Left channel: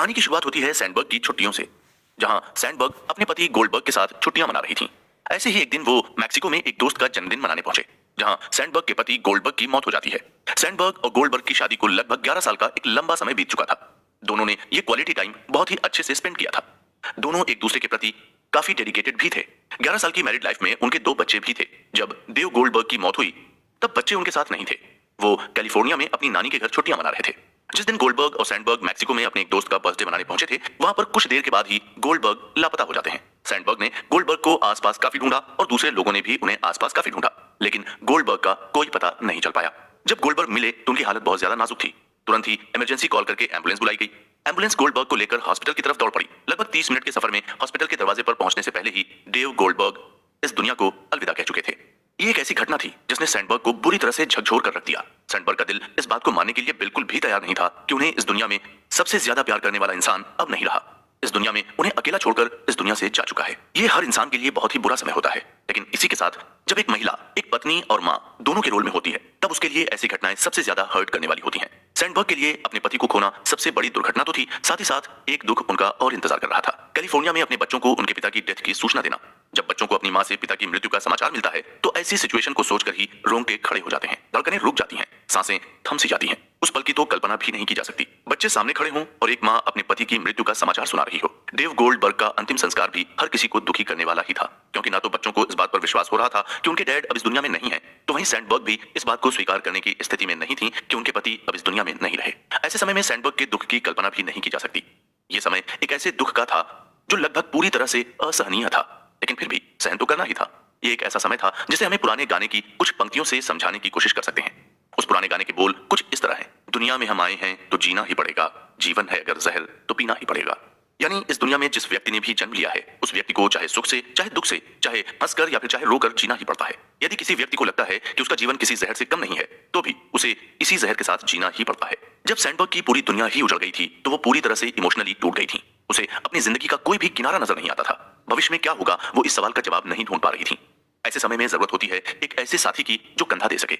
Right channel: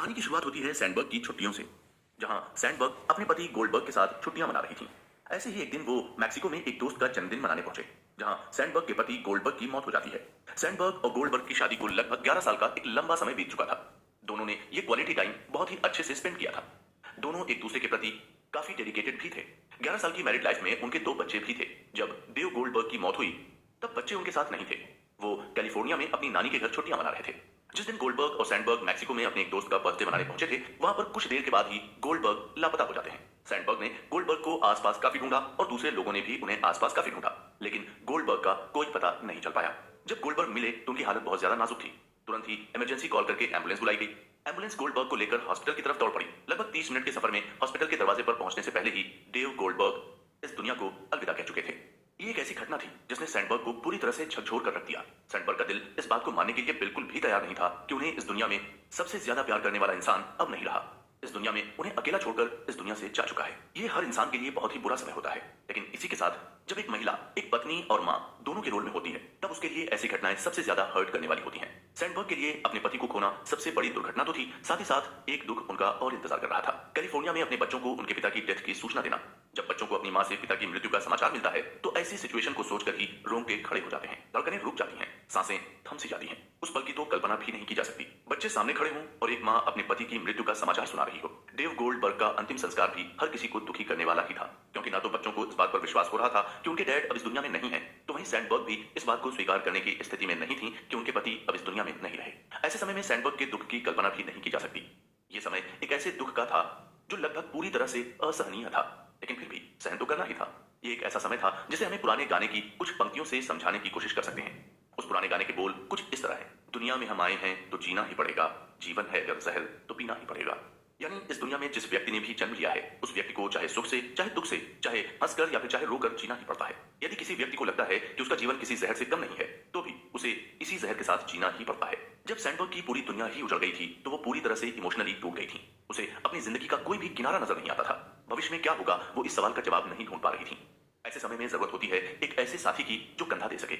कहानी की शुरुआत होती है सैंडबर्ग की छुट्टियों से, जहां सैंडबर्ग अपने पति गोल्डबर्ग के साथ छुट्टियां मना रही थीं। ऐसे ही एक दिन वो मैक्सिको में एक दोस्त का जन्मदिन मनाने पहुंचे, जहां सैंडबर्ग के पति गोल्डबर्ग की मौत हो जाती है। सैंडबर्ग और गोल्डबर्ग की शादी को लगभग 11 साल का एक लंबा समय बीत चुका था। दोनों ने ये क्वालिटी टाइम बहुत ही अच्छे से स्पेंड किया था। दोनों एक दूसरे के प्रति काफी डेडिकेटेड भी थे। 11 साल की मैरिड लाइफ में उनके 2 बच्चे भी थे। जब देव गोल्डबर्ग की मौत हुई, तब बच्चे उनके साथ नहीं थे। वो कैलिफोर्निया में अपनी नानी के घर छुट्टियां मना रहे थे। जिस दिन गोल्डबर्ग और सैंडबर्ग मैक्सिको में अपने एक दोस्त का बर्थडे मनाने पहुंचे थे, वहां पर कुछ देर के बाद ही गोल्डबर्ग लापता हो जाते हैं। सैंडबर्ग ने गोल्डबर्ग को आसपास काफी ढूंढा और दूसरे लोगों ने भी उन्हें आसपास काफी ढूंढा, लेकिन गोल्डबर्ग का कोई पता नहीं चल पाया। जब गोल्डबर्ग मिले तो उनकी हालत बहुत ज्यादा नाजुक थी। तुरंत ही इमरजेंसी कॉल करके एम्बुलेंस बुलाई गई। एम्बुलेंस गोल्डबर्ग को लेकर हॉस्पिटल की तरफ दौड़ पड़ी। लगभग 30 मिनट के सफर में हॉस्पिटल के दरवाजे पर पहुंचने से पहले ही डेव गोल्डबर्ग इस दुनिया को अलविदा कह चुके थे। ये एक ऐसी घटना थी जिसने सैंडबर्ग को बुरी तरह से झकझोर कर रख दिया। सैंडबर्ग का दिल इस बात को मानने के लिए बिल्कुल भी तैयार नहीं था कि उन्हें इस दुनिया में सबसे ज्यादा प्यार करने वाला इंसान अब नहीं रहा। इस दुनिया में उन्हें अकेला छोड़कर इस दुनिया से जा चुका है। ये हर इंसान के लिए बहुत ही बुरा समय होता है, लेकिन इसी के साथ जब एक महिला एक पत्नी और माँ दोनों के रोल में होती है, तब उसके लिए ऐसी घटनाएं सबसे ज्यादा हर्ट करने वाली होती हैं। सैंडबर्ग के लिए अपने पति को खोना सबसे बड़ी दुर्घटना तो थी, साथ ही साथ एक दुख उनका और इंतजार कर रहा था। कैलिफोर्निया में अपने बच्चों को उनके पिता की डेथ की सूचना देना। जब बच्चों को अपनी माँ से पिता की मृत्यु का समाचार मिलता है, तो ऐसी सिचुएशन को सोचकर ही रोंगटे खड़े हो जाते हैं, धड़कनें रुक जाती हैं, सांसें थम सी जाती हैं। उस पल की तो कल्पना भी नहीं की जा सकती। बच्चे सामने खड़े हों और एक माँ अपने पति की मृत्यु का समाचार सुना रही हो। डेव गोल्डबर्ग का अंतिम संस्कार भी हर किसी को दुखी करने वाला ही था, क्योंकि ना तो बच्चों को इस बात पर विश्वास हो रहा था कि उनके डैड अब इस दुनिया में नहीं है, तो वहीं सैंडबर्ग भी इस बात को स्वीकार करने की स्थिति में नहीं थी कि उनके पति अब इस दुनिया में नहीं रहे। ऐसे समय में सैंडबर्ग के दुख की कल्पना भी नहीं की जा सकती। ये समय एक ऐसे दुख का था जो लगभग पूरी तरह से असहनीय था, लेकिन फिर भी सहन तो करना ही था। ये एक ऐसा समय था जिसे हमें पुराने गाने की कुछ पंक्तियों से समझाने की कोशिश कर सकते हैं। उस पुराने गाने के बोल कुछ इस तरह हैं: दुनिया में हम आए हैं तो जीना ही पड़ेगा, जीवन है अगर जहर तो पीना ही पड़ेगा। यानी इस दुनिया में जिस व्यक्ति ने भी जन्म लिया है, उस व्यक्ति को चाहे सुख से, चाहे दुख से, चाहे हंसकर या फिर चाहे रोकर जीना ही पड़ता है। यदि किसी व्यक्ति को लगता है कि उसका जीवन किसी जहर से कम नहीं है, तो भी उसे इसी जहर के साथ जीना ही पड़ता है। जब सैंडबर्ग की पूरी दुनिया ही उजड़ गई थी, तो वो पूरी तरह से इमोशनली टूट गई थी। उसे अपनी जिंदगी का कोई भी किनारा नजर नहीं आता था। भविष्य में क्या होगा, वो इस सवाल का जवाब नहीं ढूंढ पा रही थी। ऐसे समय में जरूरत होती है एक ऐसे साथी की जो कंधा दे सके।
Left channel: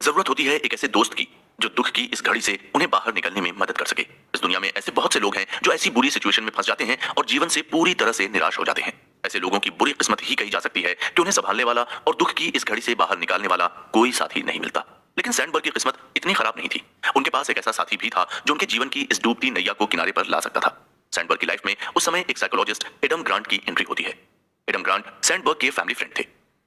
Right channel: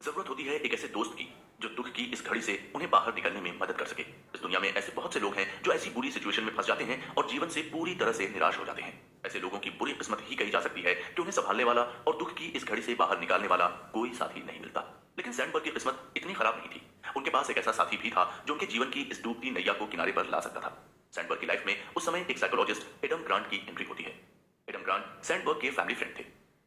जरूरत होती है एक ऐसे दोस्त की जो दुख की इस घड़ी से उन्हें बाहर निकलने में मदद कर सके। इस दुनिया में ऐसे बहुत से लोग हैं जो ऐसी बुरी सिचुएशन में फंस जाते हैं और जीवन से पूरी तरह से निराश हो जाते हैं। ऐसे लोगों की बुरी किस्मत ही कही जा सकती है कि उन्हें संभालने वाला और दुख की इस घड़ी से बाहर निकालने वाला कोई साथी नहीं मिलता। लेकिन सैंडबर्ग की किस्मत इतनी खराब नहीं थी। उनके पास एक ऐसा साथी भी था जो उनके जीवन की इस डूबती नैया को किनारे पर ला सकता था। सैंडबर्ग की लाइफ में उस समय एक साइकोलॉजिस्ट एडम ग्रांट की एंट्री होती है। एडम ग्रांट सैंडबर्ग के फैमिली फ्रेंड थे।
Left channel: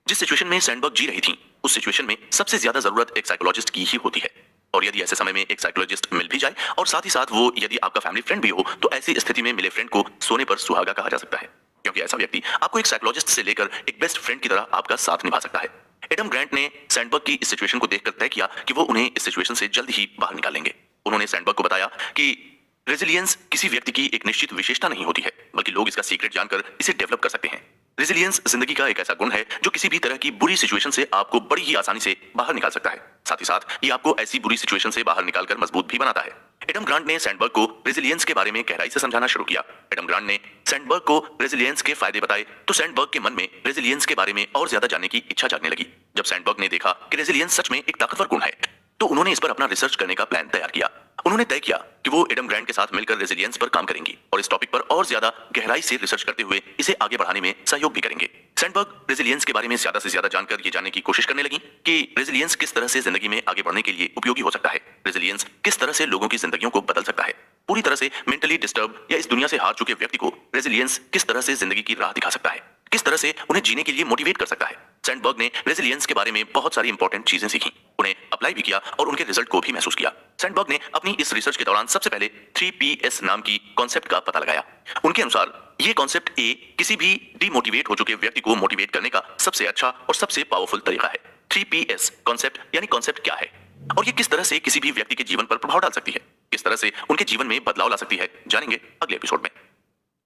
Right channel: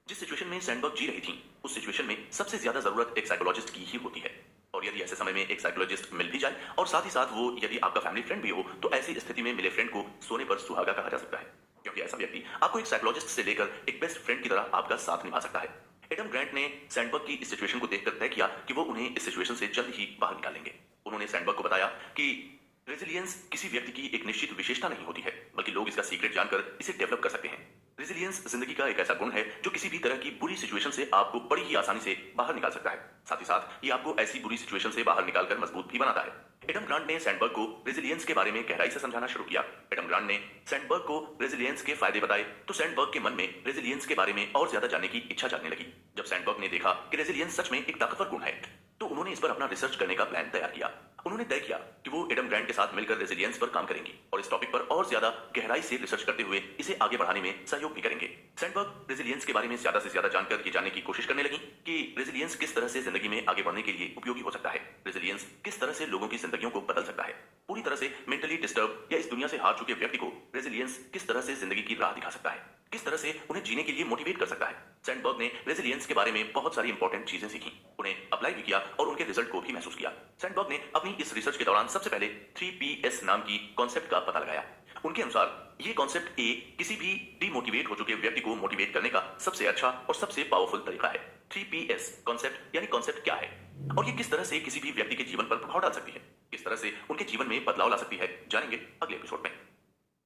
जिस सिचुएशन में सैंडबर्ग जी रही थी, उस सिचुएशन में सबसे ज्यादा जरूरत एक साइकोलॉजिस्ट की ही होती है। और यदि ऐसे समय में एक साइकोलॉजिस्ट मिल भी जाए और साथ ही साथ वो यदि आपका फैमिली फ्रेंड भी हो, तो ऐसी स्थिति में मिले फ्रेंड को सोने पर सुहागा कहा जा सकता है, क्योंकि ऐसा व्यक्ति आपको एक साइकोलॉजिस्ट से लेकर एक बेस्ट फ्रेंड की तरह आपका साथ निभा सकता है। एडम ग्रांट ने सैंडबर्ग की इस सिचुएशन को देखकर तय किया कि वो उन्हें इस सिचुएशन से जल्द ही बाहर निकालेंगे। उन्होंने सैंडबर्ग को बताया कि रेजिलियंस किसी व्यक्ति की एक निश्चित विशेषता नहीं होती है, बल्कि लोग इसका सीक्रेट जानकर इसे डेवलप कर सकते हैं। रेजिलियंस जिंदगी का एक ऐसा गुण है जो किसी भी तरह की बुरी सिचुएशन से आपको बड़ी ही आसानी से बाहर निकाल सकता है। साथ ही साथ ये आपको ऐसी बुरी सिचुएशन से बाहर निकालकर मजबूत भी बनाता है। एडम ग्रांट ने सैंडबर्ग को रेजिलियंस के बारे में गहराई से समझाना शुरू किया। एडम ग्रांट ने सैंडबर्ग को रेजिलियंस के फायदे बताए, तो सैंडबर्ग के मन में रेजिलियंस के बारे में और ज्यादा जानने की इच्छा जागने लगी। जब सैंडबर्ग ने देखा कि रेजिलियंस सच में एक ताकतवर गुण है, तो उन्होंने इस पर अपना रिसर्च करने का प्लान तैयार किया। उन्होंने तय किया कि वो एडम ग्रांट के साथ मिलकर रेजिलियंस पर काम करेंगी और इस टॉपिक पर और ज्यादा गहराई से रिसर्च करते हुए इसे आगे बढ़ाने में सहयोग भी करेंगे। सैंडबर्ग रेजिलियंस के बारे में ज्यादा से ज्यादा जानकर ये जानने की कोशिश करने लगी कि रेजिलियंस किस तरह से जिंदगी में आगे बढ़ने के लिए उपयोगी हो सकता है। रेजिलियंस किस तरह से लोगों की जिंदगियों को बदल सकता है। पूरी तरह से मेंटली डिस्टर्ब या इस दुनिया से हार चुके व्यक्ति को रेजिलियंस किस तरह से जिंदगी की राह दिखा सकता है, किस तरह से उन्हें जीने के लिए मोटिवेट कर सकता है। सैंडबर्ग ने रेजिलियंस के बारे में बहुत सारी इंपॉर्टेंट चीजें सीखी, उन्हें अप्लाई भी किया और उनके रिजल्ट को भी महसूस किया। सैंडबर्ग ने अपनी इस रिसर्च के दौरान सबसे पहले 3PS नाम की कॉन्सेप्ट का पता लगाया। उनके अनुसार ये कॉन्सेप्ट किसी भी डिमोटिवेट हो चुके व्यक्ति को मोटिवेट करने का सबसे अच्छा और सबसे पावरफुल तरीका है। 3PS कॉन्सेप्ट यानी कॉन्सेप्ट क्या है और ये किस तरह से किसी भी व्यक्ति के जीवन पर प्रभाव डाल सकती है, किस तरह से उनके जीवन में बदलाव ला सकती है, जानेंगे अगले एपिसोड में।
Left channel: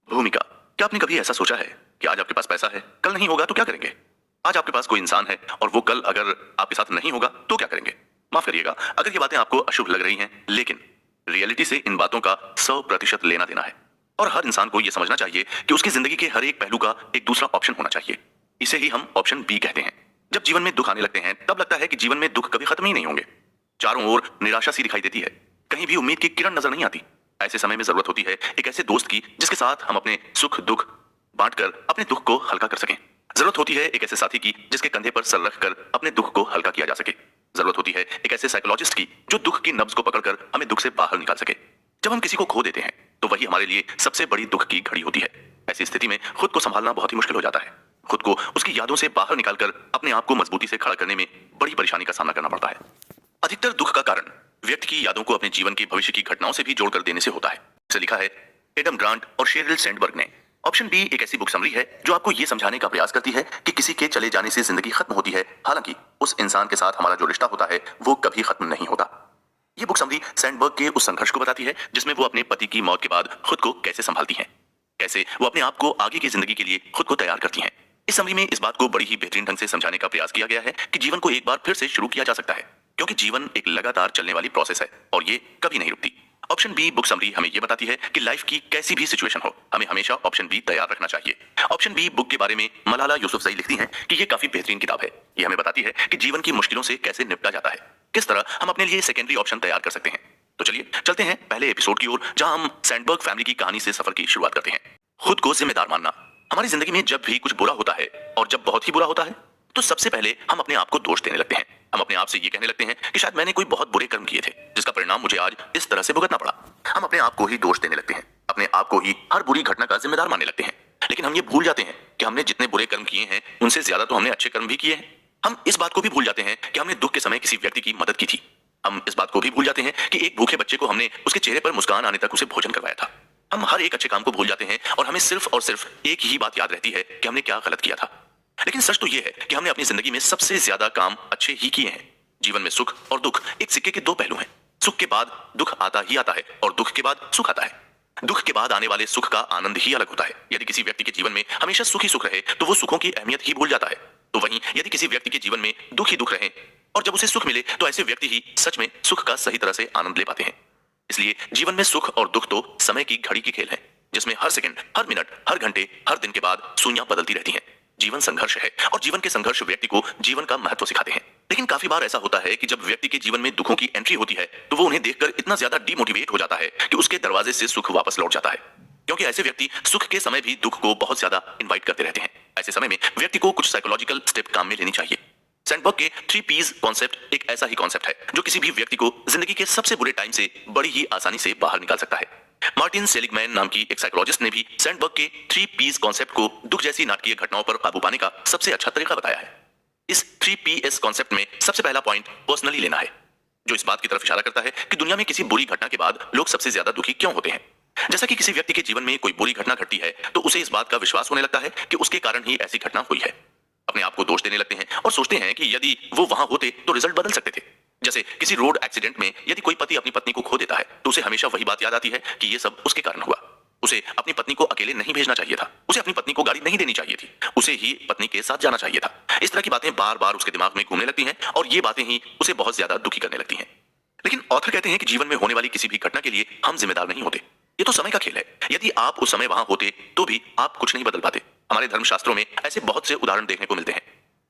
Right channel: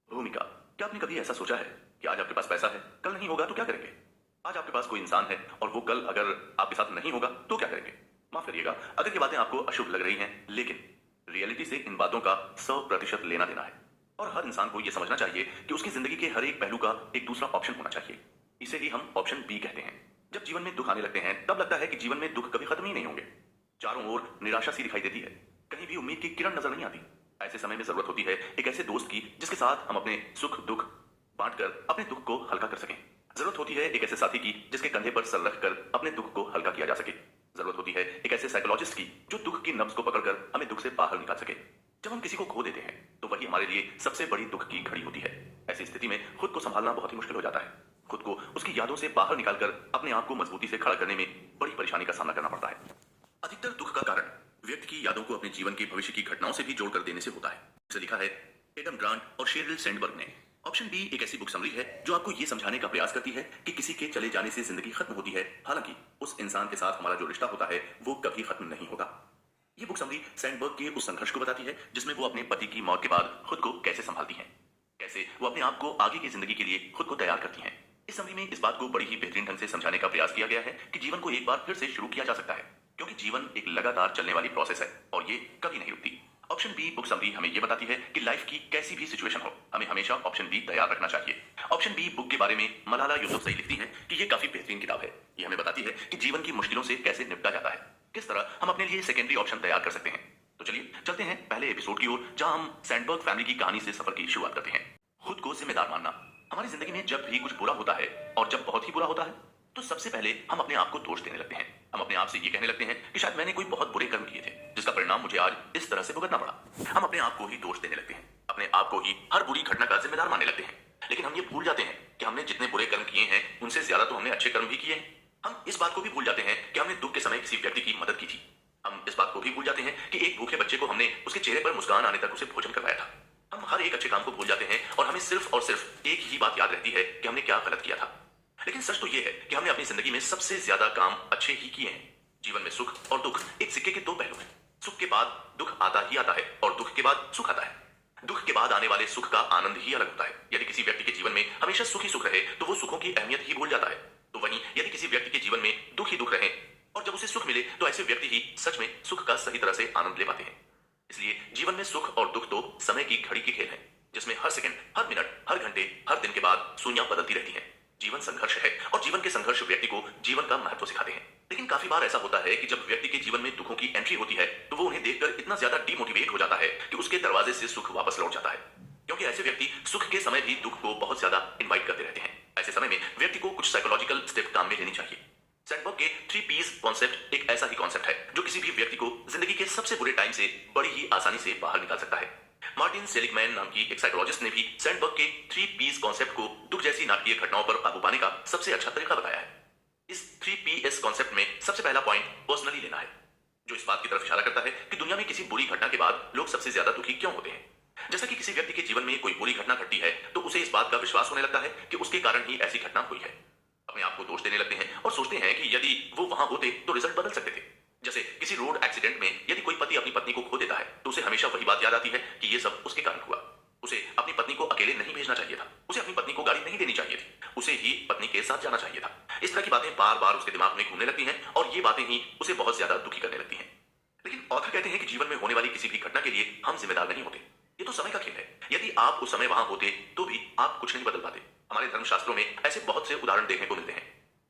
भूमिका। क्या आपने कभी ऐसा सोचा है कि आज आपके पास पैसा है, कल नहीं होगा तो क्या करेंगे? आज आपके पास कोई इंसान है और वो कल अगर आपके साथ नहीं होगा तो क्या करेंगे? माफ करिएगा अगर ये बातें आपको अशुभ लग रही हैं, लेकिन रियलिटी से इन बातों का 100% लेना देना है और हर इंसान को यह समझना चाहिए कि उसकी जिंदगी के हर एक पहलू का एक दूसरा ऑप्शन होना चाहिए। इसे ही हम ऑप्शन बी कहते हैं। जब जीवन में दुख आने लगते हैं, तब लगता है कि जीवन में दुख कभी खत्म ही नहीं होंगे। चारों ओर निराशा सी दिखाई देती है, कहीं भी उम्मीद की किरण नजर नहीं आती। ऐसे समय में जरूरत होती है एक ऐसे दोस्त की जिसके साथ हम अपने सुख दुख बांटकर अपने दुख को हल्का कर सकें। जरूरत होती है एक ऐसे साथी की जिसके कंधे पर सर रखकर अपने दुख को हल्का किया जा सके। जरूरत होती है एक ऐसे साइकोलॉजिस्ट की जो दुख की नब्ज को पकड़कर हमें दुख से बाहर निकाल सके। जब हम किसी को खो देते हैं तो वही हमारे लिए सबसे बड़ी दुख की घड़ी होती है। ऐसी स्थिति में खुद को संभालना बहुत ही मुश्किल हो जाता है। खुद को उसकी यादों से बाहर निकालकर अपने आप को मजबूती से खड़ा करने में बड़ी परेशानी का सामना करना पड़ता है। अधिकतर दुख का कारण व्यक्ति की यादों को अपने जीवन की भविष्य की घटनाओं से भी जोड़कर देने से होता है। इसे लिखा है एडम ग्रांट और शेरिल सैंडबर्ग ने। ऑप्शन बी एक ऐसी बुक समरी है जो आपको यह समझाने का प्रयास करती है कि किसी के चले जाने से जिंदगी खत्म होती है, हालांकि उस इंसान के साथ हमारा जो रिश्ता होता है वो कभी खत्म नहीं होता। ये बुक समरी सैंडबर्ग के उस संघर्ष को बताती है जिसमें वो अपने पति की मौत के बाद खुद को कैसे संभालती हैं, कैसे वो अपने आप को आगे की जिंदगी के लिए खुद को तैयार करती हैं। इस समरी में इस बात को बड़ी ही बेहतरीन ढंग से समझाने का प्रयास किया गया है कि जीवन को एक बार फिर से शुरू किया जा सकता है, क्योंकि जीवन एक लगातार चलने वाली प्रोसेस है और ये कभी नहीं रुकती। ऑप्शन बी बुक समरी हमें यह बताती है कि लाइफ की कैसी भी सिचुएशन हो, हमें हमेशा ऑप्शन बी तैयार रखना चाहिए। ऑप्शन बी बुक के बारे में मलाला यूसुफजई लिखती हैं कि यह काफी बेहतरीन किताब है। यह हमें बताती है कि जीवन की मुश्किलों से कैसे निपटा जाता है, किस तरह हम अपने लिए सेकेंडरी ऑप्शन तैयार कर सकते हैं। तो चलिए चलते हैं पहले एपिसोड की ओर, जहां हम सैंडबर्ग फैमिली की कहानी से सफर की शुरुआत करते हैं। खुद को जिम्मेदार मानना। हमारी जिंदगी में जब भी कुछ बुरा होता है और जब बहुत ही बुरा होता है तो सबसे पहले हम अपने आप को दोष देने लगते हैं। हम अपने आप से ये कहने लगते हैं कि शायद मैंने कोई बहुत बुरे कर्म किए थे जिसका परिणाम मुझे आज इस तरह से भुगतना पड़ा। हम अपने आप को ही दोष देने लगते हैं, अपने आप को ही हर बुरी घटना का जिम्मेदार मानने लगते हैं। लेकिन हम ये भूल जाते हैं कि हमने जितने बुरे कर्म किए हैं उनसे ज्यादा तो हमने अच्छे कर्म भी किए हैं। हम इस बात को भी भूल जाते हैं कि हमने दुख के समय किसी व्यक्ति की मदद की थी। हम इस बात को भी भूल जाते हैं कि एक भूखे बच्चे को हमने उसके चेहरे पर मुस्कान आने तक उसे भोजन करवाया था। हम हर एक अच्छे काम को भूल जाते हैं और हमें सिर्फ और सिर्फ एक ही बात याद रहती है कि हमने क्या गलत किया था। लेकिन सच तो यह है कि हमने अपनी जिंदगी में सबसे ज्यादा काम अच्छे ही किए हैं। जीवन में सुख और दुख एक सिक्के के दो पहलू हैं। सुख के बाद दुख आता ही आता है और दुख के बाद सुख आता है। दुख के बाद आने वाले सुख का आनंद ही अलग होता है। यदि किसी व्यक्ति के जीवन में हमेशा सुख ही सुख रहे तो वो सुखों की अहमियत ही भूल जाता है। तो वहीं यदि किसी व्यक्ति के जीवन में दुख ही दुख रहे और जब उसे सुख मिले तो ऐसे व्यक्ति ही सच में सुख का सही तरह से आनंद ले पाते हैं। इसलिए जीवन में सुख और दुख तो समय की घड़ी की खेल है, जिसमें हर सेकंड, हर मिनट, हर घंटे, हर दिन के बाद सुइयां बदलती रहती हैं। जीवन संघर्ष है और जीवन के संघर्ष व्यक्ति को जीवन का महत्व सिखाते हैं। लेकिन काफी बार ऐसा होता है कि जब व्यक्ति के जीवन में दुखों की एंट्री होती है तो वो उन्हें देखकर इतना ज्यादा डिमोटिवेट हो जाता है कि उसके दरवाजे से सुख वापस लौट जाता है, क्योंकि ऐसे व्यक्ति सुख के समय भी दुख को बहुत ज्यादा इन्वाइट करते रहते हैं। ऐसे समय में व्यक्ति को कुछ साइकोलॉजिकल स्टेप काम में लेनी चाहिए। सैंडबर्ग के 3 Ps कॉन्सेप्ट एक ऐसा ही कॉन्सेप्ट है जो किसी भी व्यक्ति को जिंदगी के सबसे बुरे टाइम से बड़ी ही आसानी से बाहर निकाल सकता है। मार्टिन सेलिगमैन नाम की एक साइकोलॉजिस्ट ने भी सैंडबर्ग के 3 Ps कॉन्सेप्ट को दुख जैसी नाटकीय घटनाओं पर काबू पाने का सबसे अच्छा तरीका बताया है। इस 3 Ps कॉन्सेप्ट में सबसे पहला पॉइंट पर्सनली लेना है, जो इस बात की तरफ इशारा करता है कि दुनिया में किसी बुरी घटना के बाद लोग सबसे ज्यादा दुखी क्यों होते हैं। जैसा कि किसी व्यक्ति के जीवन में कोई बुरी घटना घटती है तो उसे इस बात का विश्वास होने लगता है कि उसके कारण ही ऐसी घटना हुई है। अपने आप को दोष देने लगते हैं और सोचते हैं कि यदि वो वहां होते तो रिजल्ट बदल सकते थे। जैसे किसी रोड एक्सीडेंट में यदि कोई पति अपनी पत्नी को खो देता है तो उसे हमेशा वही बात याद आती है कि ये सब उसके कारण हुआ। उसे अपनी पत्नी को अकेले नहीं भेजना चाहिए था, उसे अपनी पत्नी को गाड़ी नहीं देनी चाहिए थी, उसे ही पत्नी के साथ जाना चाहिए था। इस तरह की बातें बार बार उसके दिमाग में घूमने लगती हैं और ये बातें ही उसे बहुत ज्यादा दुखी करने लगती हैं। लेकिन ऑथर कहते हैं कि जीवन में होने वाली किसी भी घटना के लिए हम जिम्मेदार नहीं होते। ये तो समय का खेल है। यदि आप उस समय वहां होते तो भी आप कुछ नहीं बदल पाते। हमारे धर्मशास्त्रों में ऐसे बहुत से उदाहरण देखने को मिलते हैं,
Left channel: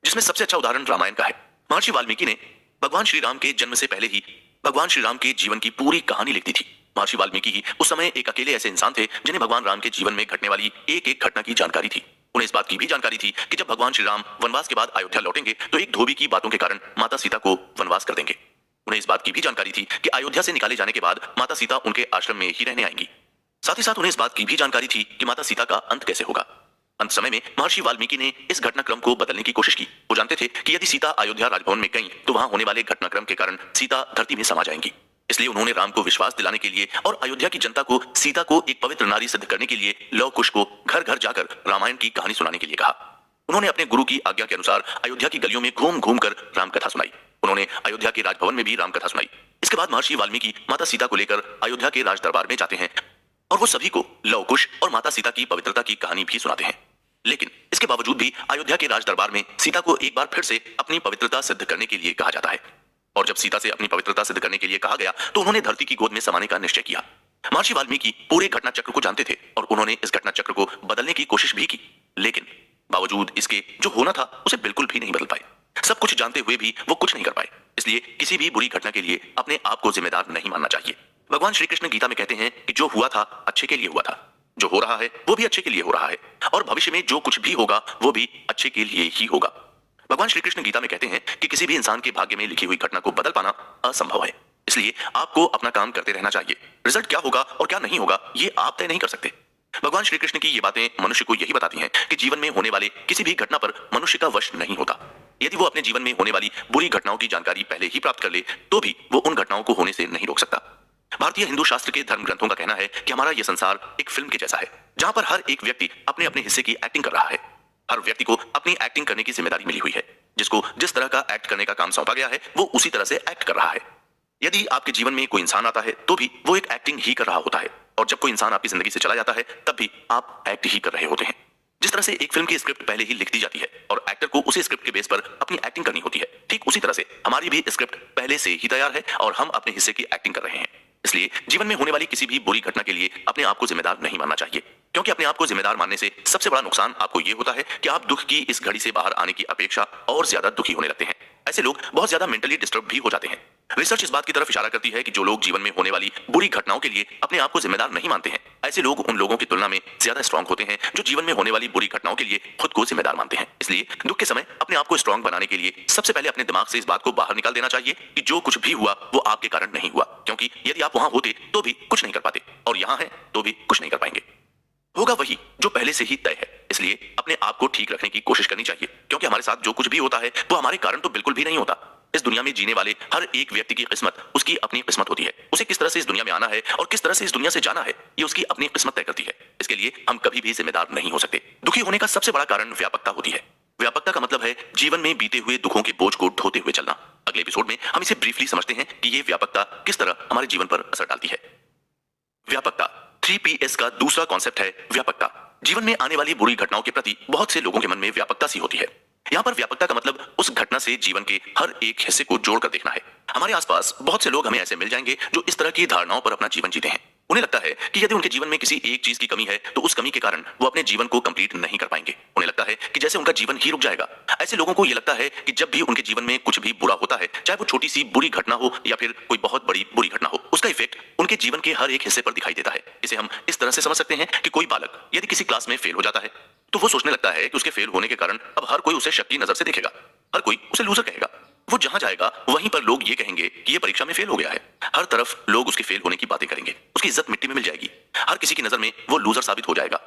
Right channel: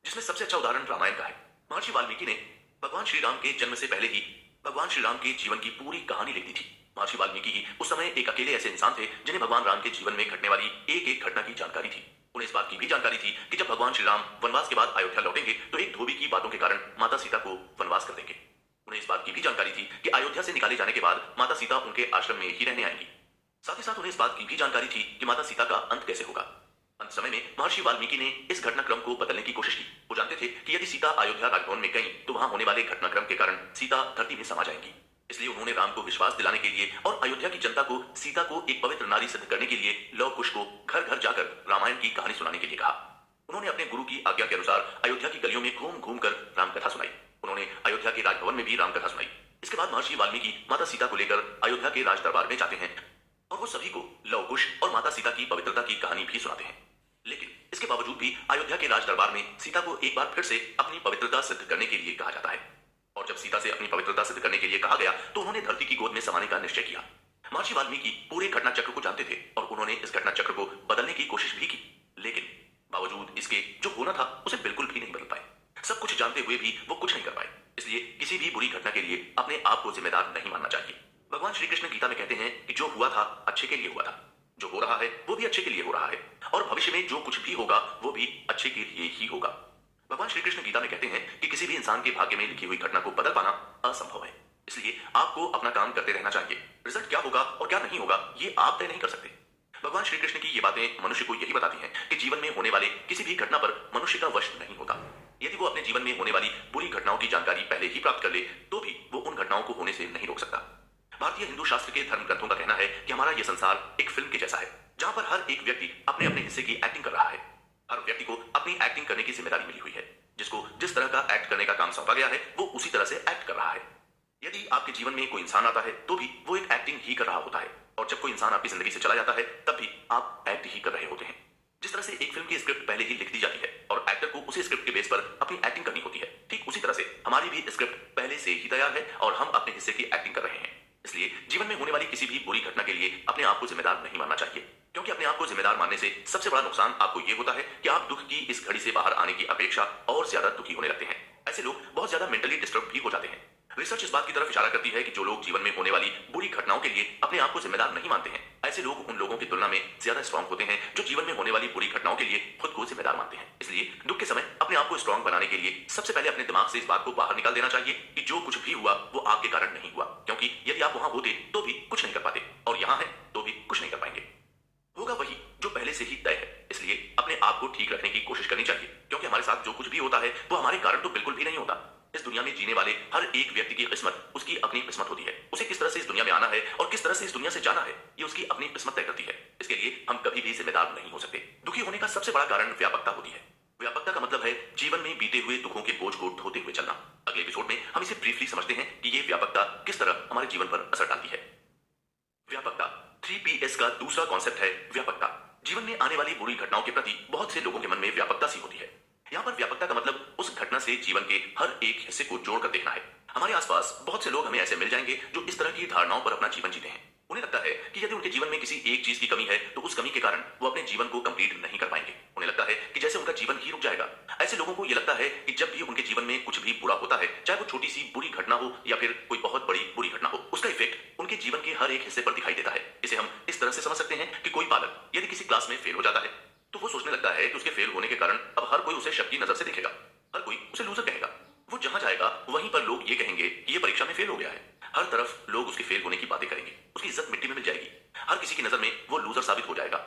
जिसमें सबसे अच्छा उदाहरण रामायण का है। महर्षि वाल्मीकि ने भगवान श्री राम के जन्म से पहले ही भगवान श्री राम के जीवन की पूरी कहानी लिख दी थी। महर्षि वाल्मीकि ही उस समय एक अकेले ऐसे इंसान थे जिन्हें भगवान राम के जीवन में घटने वाली एक एक घटना की जानकारी थी। उन्हें इस बात की भी जानकारी थी कि जब भगवान श्री राम वनवास के बाद अयोध्या लौटेंगे तो एक धोबी की बातों के कारण माता सीता को वनवास कर देंगे। उन्हें इस बात की भी जानकारी थी कि अयोध्या से निकाले जाने के बाद माता सीता उनके आश्रम में ही रहने आएंगी। साथ ही साथ उन्हें इस बात की भी जानकारी थी कि माता सीता का अंत कैसे होगा। अंत समय में महर्षि वाल्मीकि ने इस घटनाक्रम को बदलने की कोशिश की। वो जानते थे कि यदि सीता अयोध्या राजभवन में गई तो वहां होने वाले घटनाक्रम के कारण सीता धरती में समा जाएंगी। इसलिए उन्होंने राम को विश्वास दिलाने के लिए और अयोध्या की जनता को सीता को एक पवित्र नारी सिद्ध करने के लिए लव कुश को घर घर जाकर रामायण की कहानी सुनाने के लिए कहा। उन्होंने अपने गुरु की आज्ञा के अनुसार अयोध्या की गलियों में घूम घूम कर राम कथा सुनाई। उन्होंने अयोध्या के राजभवन में भी राम कथा सुनाई। इसके बाद महर्षि वाल्मीकि माता सीता को लेकर अयोध्या के राज दरबार में जाते हैं और वो सभी को लव कुश और माता सीता की पवित्रता की कहानी भी सुनाते हैं। लेकिन इसके बावजूद भी अयोध्या के राज दरबार में सीता को एक बार फिर से अपनी पवित्रता सिद्ध करने के लिए कहा जाता है। और जब सीता से अपनी पवित्रता सिद्ध करने के लिए कहा गया तो उन्होंने धरती की गोद में समाने का निश्चय किया। महर्षि वाल्मीकि पूरे घटना चक्र को जानते थे और उन्होंने इस घटना चक्र को बदलने की कोशिश भी की, लेकिन बावजूद इसके जो होना था उसे बिल्कुल भी नहीं बदल पाए। सब कुछ जानते हुए भी वो कुछ नहीं कर पाए। इसलिए किसी भी बुरी घटना के लिए अपने आप को जिम्मेदार नहीं मानना चाहिए, भगवान श्री कृष्ण गीता में कहते हैं कि जो हुआ था अच्छे के लिए हुआ था, जो हो रहा है वो भी अच्छे के लिए हो रहा है, और भविष्य में जो कुछ भी होगा वो भी अच्छे के लिए ही होगा। भगवान श्री कृष्ण गीता में कहते हैं कि किसी भी इंसान के भाग्य में लिखी हुई घटना को बदल पाना असंभव है। इसलिए आपको अपना काम करते रहना चाहिए। रिजल्ट क्या होगा और क्या नहीं होगा ये आप तय नहीं कर सकते। भगवान श्री कृष्ण की ये बातें मनुष्य को यही बताती हैं कि जीवन में होने वाले किसी भी घटना पर मनुष्य का वश नहीं होता। यदि वो अपने जीवन में होने वाली बुरी घटनाओं की जानकारी पहले ही प्राप्त कर ले तो भी वो उन घटनाओं को होने से नहीं रोक सकता। भारतीय हिंदू शास्त्र के धर्म ग्रंथों का कहना है कि हमारा यह संसार एक फिल्म के जैसा है, जहां पर हर एक व्यक्ति अपने अपने हिस्से की एक्टिंग कर रहा है। हर व्यक्ति को अपनी एक्टिंग करने की जिम्मेदारी मिली हुई है। जिसको जिस तरह का एक्ट करने का काम सौंपा गया है वो उसी तरह से एक्ट कर रहा है। यदि आपके जीवन में कोई इंसान आता है तो भी वो एक एक्टिंग ही कर रहा होता है, और जब कोई इंसान आपकी जिंदगी से चला जाता है तब भी आप एक्ट ही कर रहे होते हैं। जिस तरह से एक फिल्म की स्क्रिप्ट पहले ही लिख दी जाती है और एक्टर को उसी स्क्रिप्ट के बेस पर अपनी एक्टिंग करनी होती है, ठीक उसी तरह से हमारी भी स्क्रिप्ट पहले से ही तैयार है और हम अपने हिस्से की एक्टिंग कर रहे हैं। इसलिए जीवन में होने वाली किसी भी बुरी घटना के लिए अपने आप को जिम्मेदार नहीं मानना चाहिए, क्योंकि अपने आप को जिम्मेदार मानने से सबसे बड़ा नुकसान आपको यह होता है कि आप दुख की इस घड़ी से बाहर आने की अपेक्षा और ज्यादा दुखी होने लगते हैं। ऐसे लोग बहुत ज्यादा मेंटली डिस्टर्ब भी हो जाते हैं। रिसर्च इस बात की तरफ इशारा करती है कि जो लोग जीवन में होने वाली बुरी घटनाओं के लिए अपने आप को जिम्मेदार नहीं मानते हैं, ऐसे लोग उन लोगों की तुलना में ज्यादा स्ट्रांग होते हैं जो जीवन में होने वाली बुरी घटनाओं के लिए खुद को जिम्मेदार मानते हैं। इसलिए दुख के समय अपने आप को स्ट्रांग बनाने के लिए सबसे पहले अपने दिमाग से इस बात को बाहर निकाल देना चाहिए कि जो कुछ भी हुआ वो आपके कारण नहीं हुआ, क्योंकि यदि आप वहां होते तो भी कुछ नहीं कर पाते और यहां हैं तो भी कुछ नहीं कर पाएंगे। होगा वही जो पहले से ही तय है। इसलिए अपने आप को ठीक रखने की कोशिश करनी चाहिए, क्योंकि हमारे साथ जो कुछ भी होता है वो हमारे कारण तो बिल्कुल भी नहीं होता। इस दुनिया में जीने वाले हर एक व्यक्ति की किस्मत उसकी अपनी किस्मत होती है। उसे किस तरह से इस दुनिया में आना है और किस तरह से इस दुनिया से जाना है ये उसकी अपनी किस्मत तय करती है। इसके लिए हम कभी भी जिम्मेदार नहीं हो सकते। दुखी होने का सबसे बड़ा कारण व्यापकता होती है। व्यापकता का मतलब है जीवन में बीते हुए दुखों के बोझ को ढोते हुए चलना। अगले एपिसोड में हम इसे ब्रीफली समझते हैं कि ये व्यापकता किस तरह हमारे जीवन पर असर डालती है। व्यापकता 3Ps का दूसरा कॉन्सेप्ट है व्यापकता। जीवन में आने वाली बुरी घटनाओं के प्रति बहुत से लोगों के मन में व्यापकता सी होती है। यहाँ पर व्यापकता का मतलब उस घटना से जीवन के हर एक हिस्से को जोड़कर देखना है। हमारे आसपास बहुत से लोग हमें ऐसे मिल जाएंगे जो इस तरह की धारणाओं पर अपना जीवन जीते हैं। उन्हें लगता है कि यदि उनके जीवन में किसी एक चीज की कमी है तो उस कमी के कारण वो अपने जीवन को कंप्लीट नहीं कर पाएंगे। उन्हें लगता है कि जैसे उनका जीवन ही रुक जाएगा। ऐसे लोगों को यह लगता है कि जब भी उनके जीवन में कुछ भी बुरा होता है, चाहे वो छोटी सी बुरी घटना हो या फिर कोई बहुत बड़ी बुरी घटना हो, उसका इफेक्ट उनके जीवन के हर एक हिस्से पर दिखाई देता है। इसे हम इस तरह से समझ सकते हैं कि कोई बालक यदि किसी क्लास में फेल हो जाता है तो वो सोचने लगता है कि उसके फेल होने के कारण अब हर कोई उसे शक की नजर से देखेगा, हर कोई उसे लूजर कहेगा। वो जहां जाएगा वहीं पर लोग ये कहेंगे कि ये परीक्षा में फेल हो गया है। हर तरफ लोग उसके फेल होने की बातें करेंगे, उसकी इज्जत मिट्टी में मिल जाएगी। हर किसी की नजर में वो लूजर साबित हो जाएगा।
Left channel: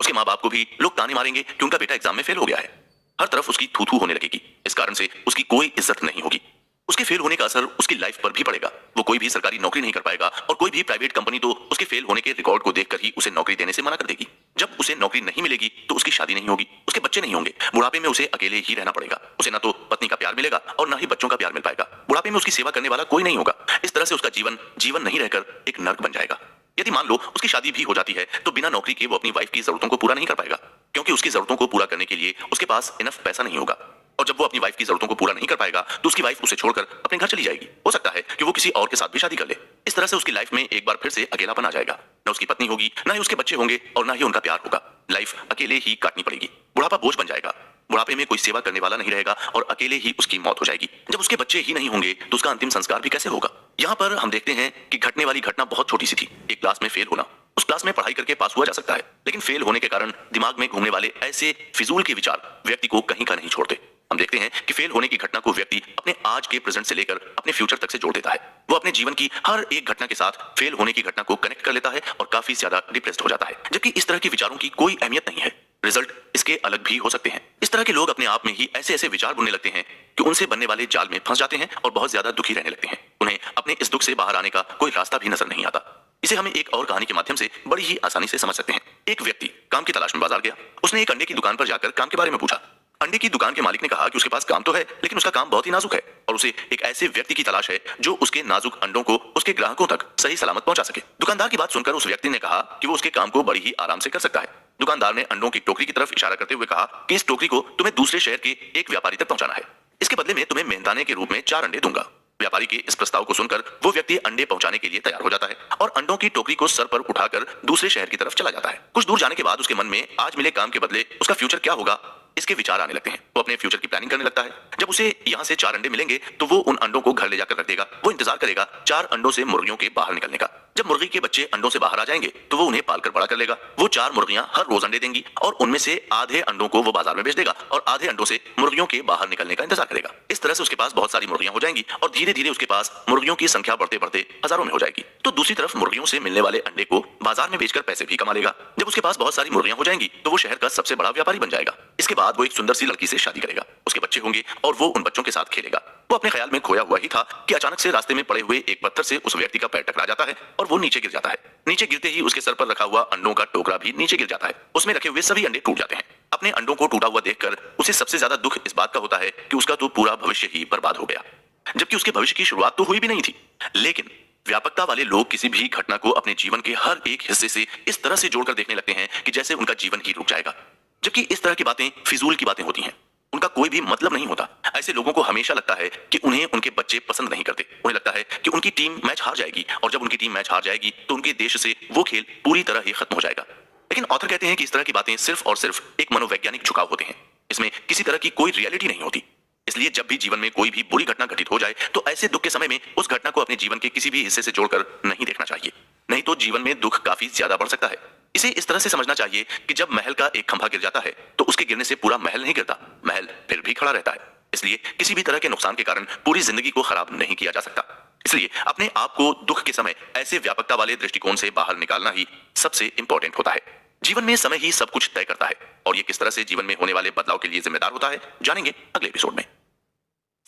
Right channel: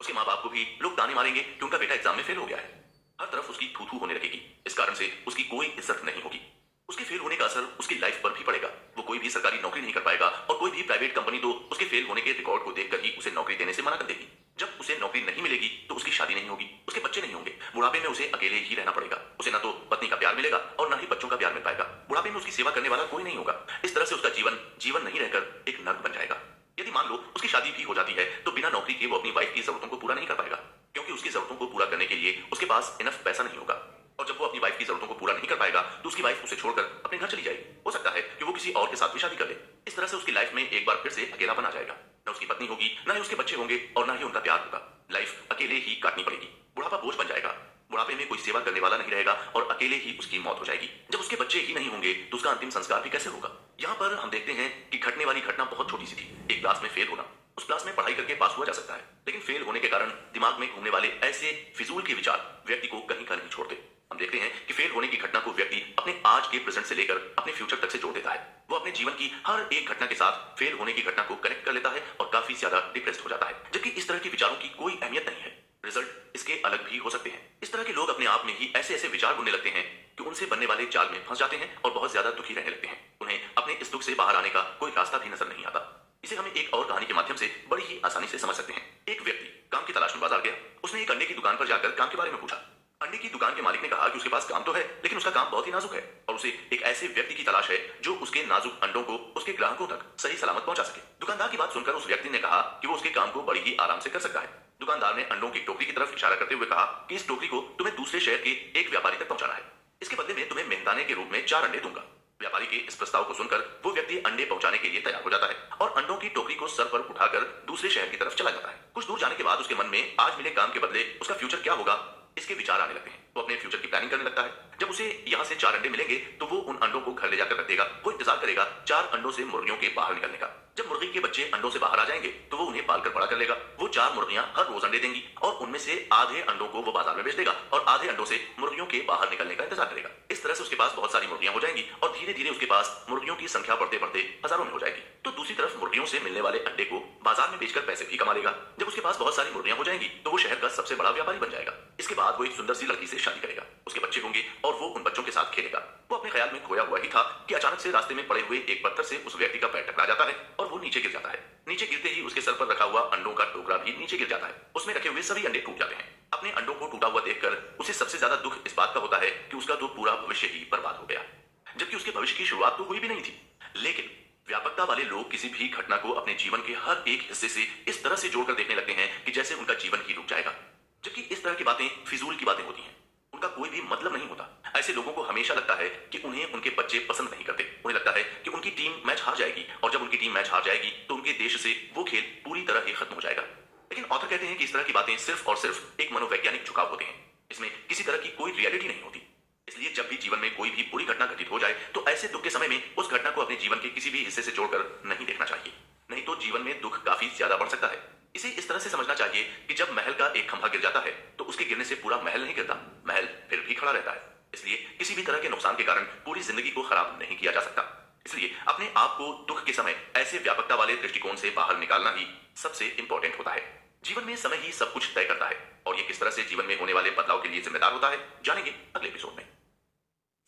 उसके माँ बाप को भी लोग ताने मारेंगे कि उनका बेटा एग्जाम में फेल हो गया है। हर तरफ उसकी थू थू होने लगेगी। इस कारण से उसकी कोई इज्जत नहीं होगी। उसके फेल होने का असर उसकी लाइफ पर भी पड़ेगा। वो कोई भी सरकारी नौकरी नहीं कर पाएगा और कोई भी प्राइवेट कंपनी तो उसके फेल होने के रिकॉर्ड को देखकर ही उसे नौकरी देने से मना कर देगी। जब उसे नौकरी नहीं मिलेगी तो उसकी शादी नहीं होगी, उसके बच्चे नहीं होंगे। बुढ़ापे में उसे अकेले ही रहना पड़ेगा। उसे ना तो पत्नी का प्यार मिलेगा और ना ही बच्चों का प्यार मिल पाएगा। बुढ़ापे में उसकी सेवा करने वाला कोई नहीं होगा। इस तरह से उसका जीवन जीवन नहीं रहकर एक नर्क बन जाएगा। यदि मान लो उसकी शादी भी हो जाती है तो बिना नौकरी के वो अपनी वाइफ की जरूरतों को पूरा नहीं कर पाएगा, क्योंकि उसकी जरूरतों को पूरा करने के लिए उसके पास इनफ पैसा नहीं होगा। और जब वो अपनी वाइफ की जरूरतों को पूरा नहीं कर पाएगा तो उसकी वाइफ उसे छोड़कर अपने घर चली जाएगी। हो सकता है कि वो किसी और के साथ भी शादी कर ले। इस तरह से उसकी लाइफ में एक बार फिर से अकेलापन आ जाएगा। न उसकी पत्नी होगी, ना ही उसके बच्चे होंगे और ना ही उनका प्यार होगा। लाइफ अकेले ही काटनी पड़ेगी। बुढ़ापा बोझ बन जाएगा। बुढ़ापे में कोई सेवा करने वाला नहीं रहेगा और अकेले ही उसकी मौत हो जाएगी। जब उसके बच्चे ही नहीं होंगे तो उसका अंतिम संस्कार भी कैसे होगा। यहाँ पर हम देखते हैं कि घटने वाली घटना बहुत छोटी सी थी, एक क्लास में फेल होना। उस क्लास में पढ़ाई करके पास हुआ जा सकता है, लेकिन फेल होने के कारण दिमाग में घूमने वाले ऐसे फिजूल के विचार व्यक्ति को कहीं का नहीं छोड़ते। हम देखते हैं कि फेल होने की घटना को व्यक्ति अपने आज के प्रेजेंट से लेकर अपने फ्यूचर तक से जोड़ देता है। वो अपने जीवन की हर एक घटना के साथ फेल होने की घटना को कनेक्ट कर लेता है और काफी ज्यादा डिप्रेस्ड हो जाता है, जबकि इस तरह के विचारों की कोई अहमियत नहीं है। रिजल्ट इसके अलग भी हो सकते हैं। इस तरह के लोग अपने आप में ही ऐसे ऐसे विचार बुनने लगते हैं कि उनसे बनने वाले जाल में फंस जाते हैं और बहुत ज्यादा दुखी रहने लगते हैं। उन्हें अपने इस दुख से बाहर आने का कोई रास्ता भी नजर नहीं आता। इसे हमें एक और कहानी के माध्यम से बड़ी ही आसानी से समझ सकते हैं। एक व्यक्ति काम की तलाश में बाजार गया। उसने एक अंडे की दुकान पर जाकर काम के बारे में पूछा। अंडे की दुकान के मालिक ने कहा कि उसके पास काम तो है, लेकिन उसका काम बहुत ही नाजुक है और उसे एक ऐसे व्यक्ति की तलाश है जो उसके नाजुक अंडों को उसके ग्राहकों तक सही सलामत पहुंचा सके। दुकानदार की बात सुनकर उस व्यक्ति ने कहा कि वो उसके काम को बड़ी ही आराम से कर सकता है। दुकानदार ने अंडों की टोकरी की तरफ इशारा करते हुए कहा कि इस टोकरी को तुम्हें दूसरे शहर के एक व्यापारी तक पहुंचाना है। इसके बदले में तुम्हें मेहनताने के रूप में 4 अंडे दूंगा। व्यापारी के इस प्रस्ताव को सुनकर वो व्यक्ति अंडे पहुंचाने के लिए तैयार हो जाता है और अंडों की टोकरी को सर पर उठाकर दूसरे शहर की तरफ चला जाता है। कुछ दूर जाने के बाद उसके मन में आज मिले काम के बदले उसका फ्यूचर क्या होगा इसके विचार आने लगते हैं। वो अपने फ्यूचर की प्लानिंग करने लगता है। जब उसे यहाँ से 4 अंडे मिलेंगे तो वो उन अंडों को घर ले जाकर रख देगा। वो इंतजार करेगा 4 अंडों से मुर्गियों के बाहर निकलने का। जब मुर्गी के बच्चे अंडों से बाहर आ जाएंगे तो वो उन्हें पालकर बड़ा कर लेगा। वो 4 मुर्गियां हर रोज अंडे देंगी और उनमें से आधे अंडों को वो बाजार में बेच देगा और आधे अंडों से मुर्गियों के बाहर निकलने का इंतजार करेगा। इस तरह से उसके पास बहुत सारी मुर्गियां हो जाएंगी और धीरे धीरे उसके पास मुर्गियों की संख्या बढ़ते बढ़ते हजारों में हो जाएगी। तो दूसरी तरफ मुर्गियों से मिलने वाले अंडे को बाजार में बेचकर पैसे भी कमा लेगा। जब उसके पास बहुत सारी मुर्गियां हो जाएंगी तो वो शहर का सबसे बड़ा व्यापारी बन जाएगा। इसके बाद वो एक सुंदर सी लड़की से शादी करेगा, उसके बच्चे होंगे और वो उन बच्चों के साथ खेलेगा। वो अपने ख्याल में खोया हुआ ही था कि अचानक से रास्ते में पड़े हुए एक पत्थर से उस व्यक्ति का पैर टकरा जाता है और वो नीचे गिर जाता है। नीचे गिरते ही उसके सर पर रखा हुआ अंडों का टोकरा भी नीचे गिर जाता है। उसमें रखे हुए सभी अंडे टूट जाते हैं। अपने अंडों को टूटा हुआ देखकर उसे सबसे ज्यादा दुख इस बात का होता है कि उसका तो पूरा भविष्य ही बर्बाद हो गया, जबकि उसके भविष्य की शुरुआत तो हुई भी नहीं थी। लेकिन व्यापकता वाले लोग किसी भी घटना को अपने जीवन के हर एक हिस्से से इस तरह से जोड़कर देखने लगते हैं कि जैसे उनका जीवन ही रुक जाएगा, जबकि इस तरह की बातें फिजूल की बातें होती हैं, उनका कोई भी मतलब नहीं होता। ऐसे लोगों को हमेशा लगता है कि उन्हें उनके बच्चे पसंद नहीं करते। उन्हें लगता है कि उनकी टीम मैच हार जाएगी और जब उनकी टीम मैच हार जाएगी तो उनके देश से वो खेल पूरी तरह ही खत्म हो जाएगा। लेकिन ऑथर कहते हैं कि इस तरह की बातें सिर्फ और सिर्फ एक मनोवैज्ञानिक झुकाव होते हैं, इसमें किसी तरह की कोई रियलिटी नहीं होती। इसलिए जब भी जीवन में कोई भी बुरी घटना घटित हो जाए तो ऐसे दुख के समय में उस घटना को अपने जीवन के किसी भी हिस्से से जोड़कर नहीं देखना चाहिए, नहीं तो जीवन में दुख काफी ज्यादा बढ़ सकता है। इसे इस तरह से समझना चाहिए कि जब महल का एक खंभा गिर जाता है तो उसके गिरने से पूरा महल नहीं गिरता, महल फिर भी खड़ा रहता है। इसलिए किसी भी तरह के नुकसान के कारण पूरी जिंदगी को खराब नहीं किया जा सकता। इसलिए अपने आप को दुख के समय ऐसे व्यापकता वाले दृष्टिकोण से बाहर निकालना ही सबसे इंपॉर्टेंट होता है। जीवन में समय ही सब कुछ तय करता है और ये किस तरह से जीवन में होने वाले बदलाव के लिए जिम्मेदार होता है जानेंगे अगले एपिसोड में।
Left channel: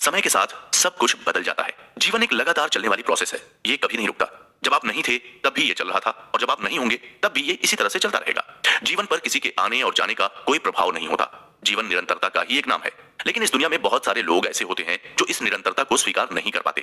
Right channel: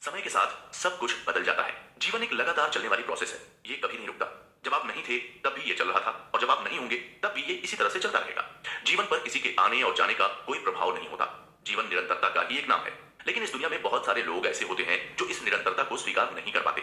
समय के साथ सब कुछ बदल जाता है। जीवन एक लगातार चलने वाली प्रोसेस है, ये कभी नहीं रुकता। जब आप नहीं थे तब भी ये चल रहा था और जब आप नहीं होंगे तब भी ये इसी तरह से चलता रहेगा। जीवन पर किसी के आने और जाने का कोई प्रभाव नहीं होता। जीवन निरंतरता का ही एक नाम है। लेकिन इस दुनिया में बहुत सारे लोग ऐसे होते हैं जो इस निरंतरता को स्वीकार नहीं कर पाते।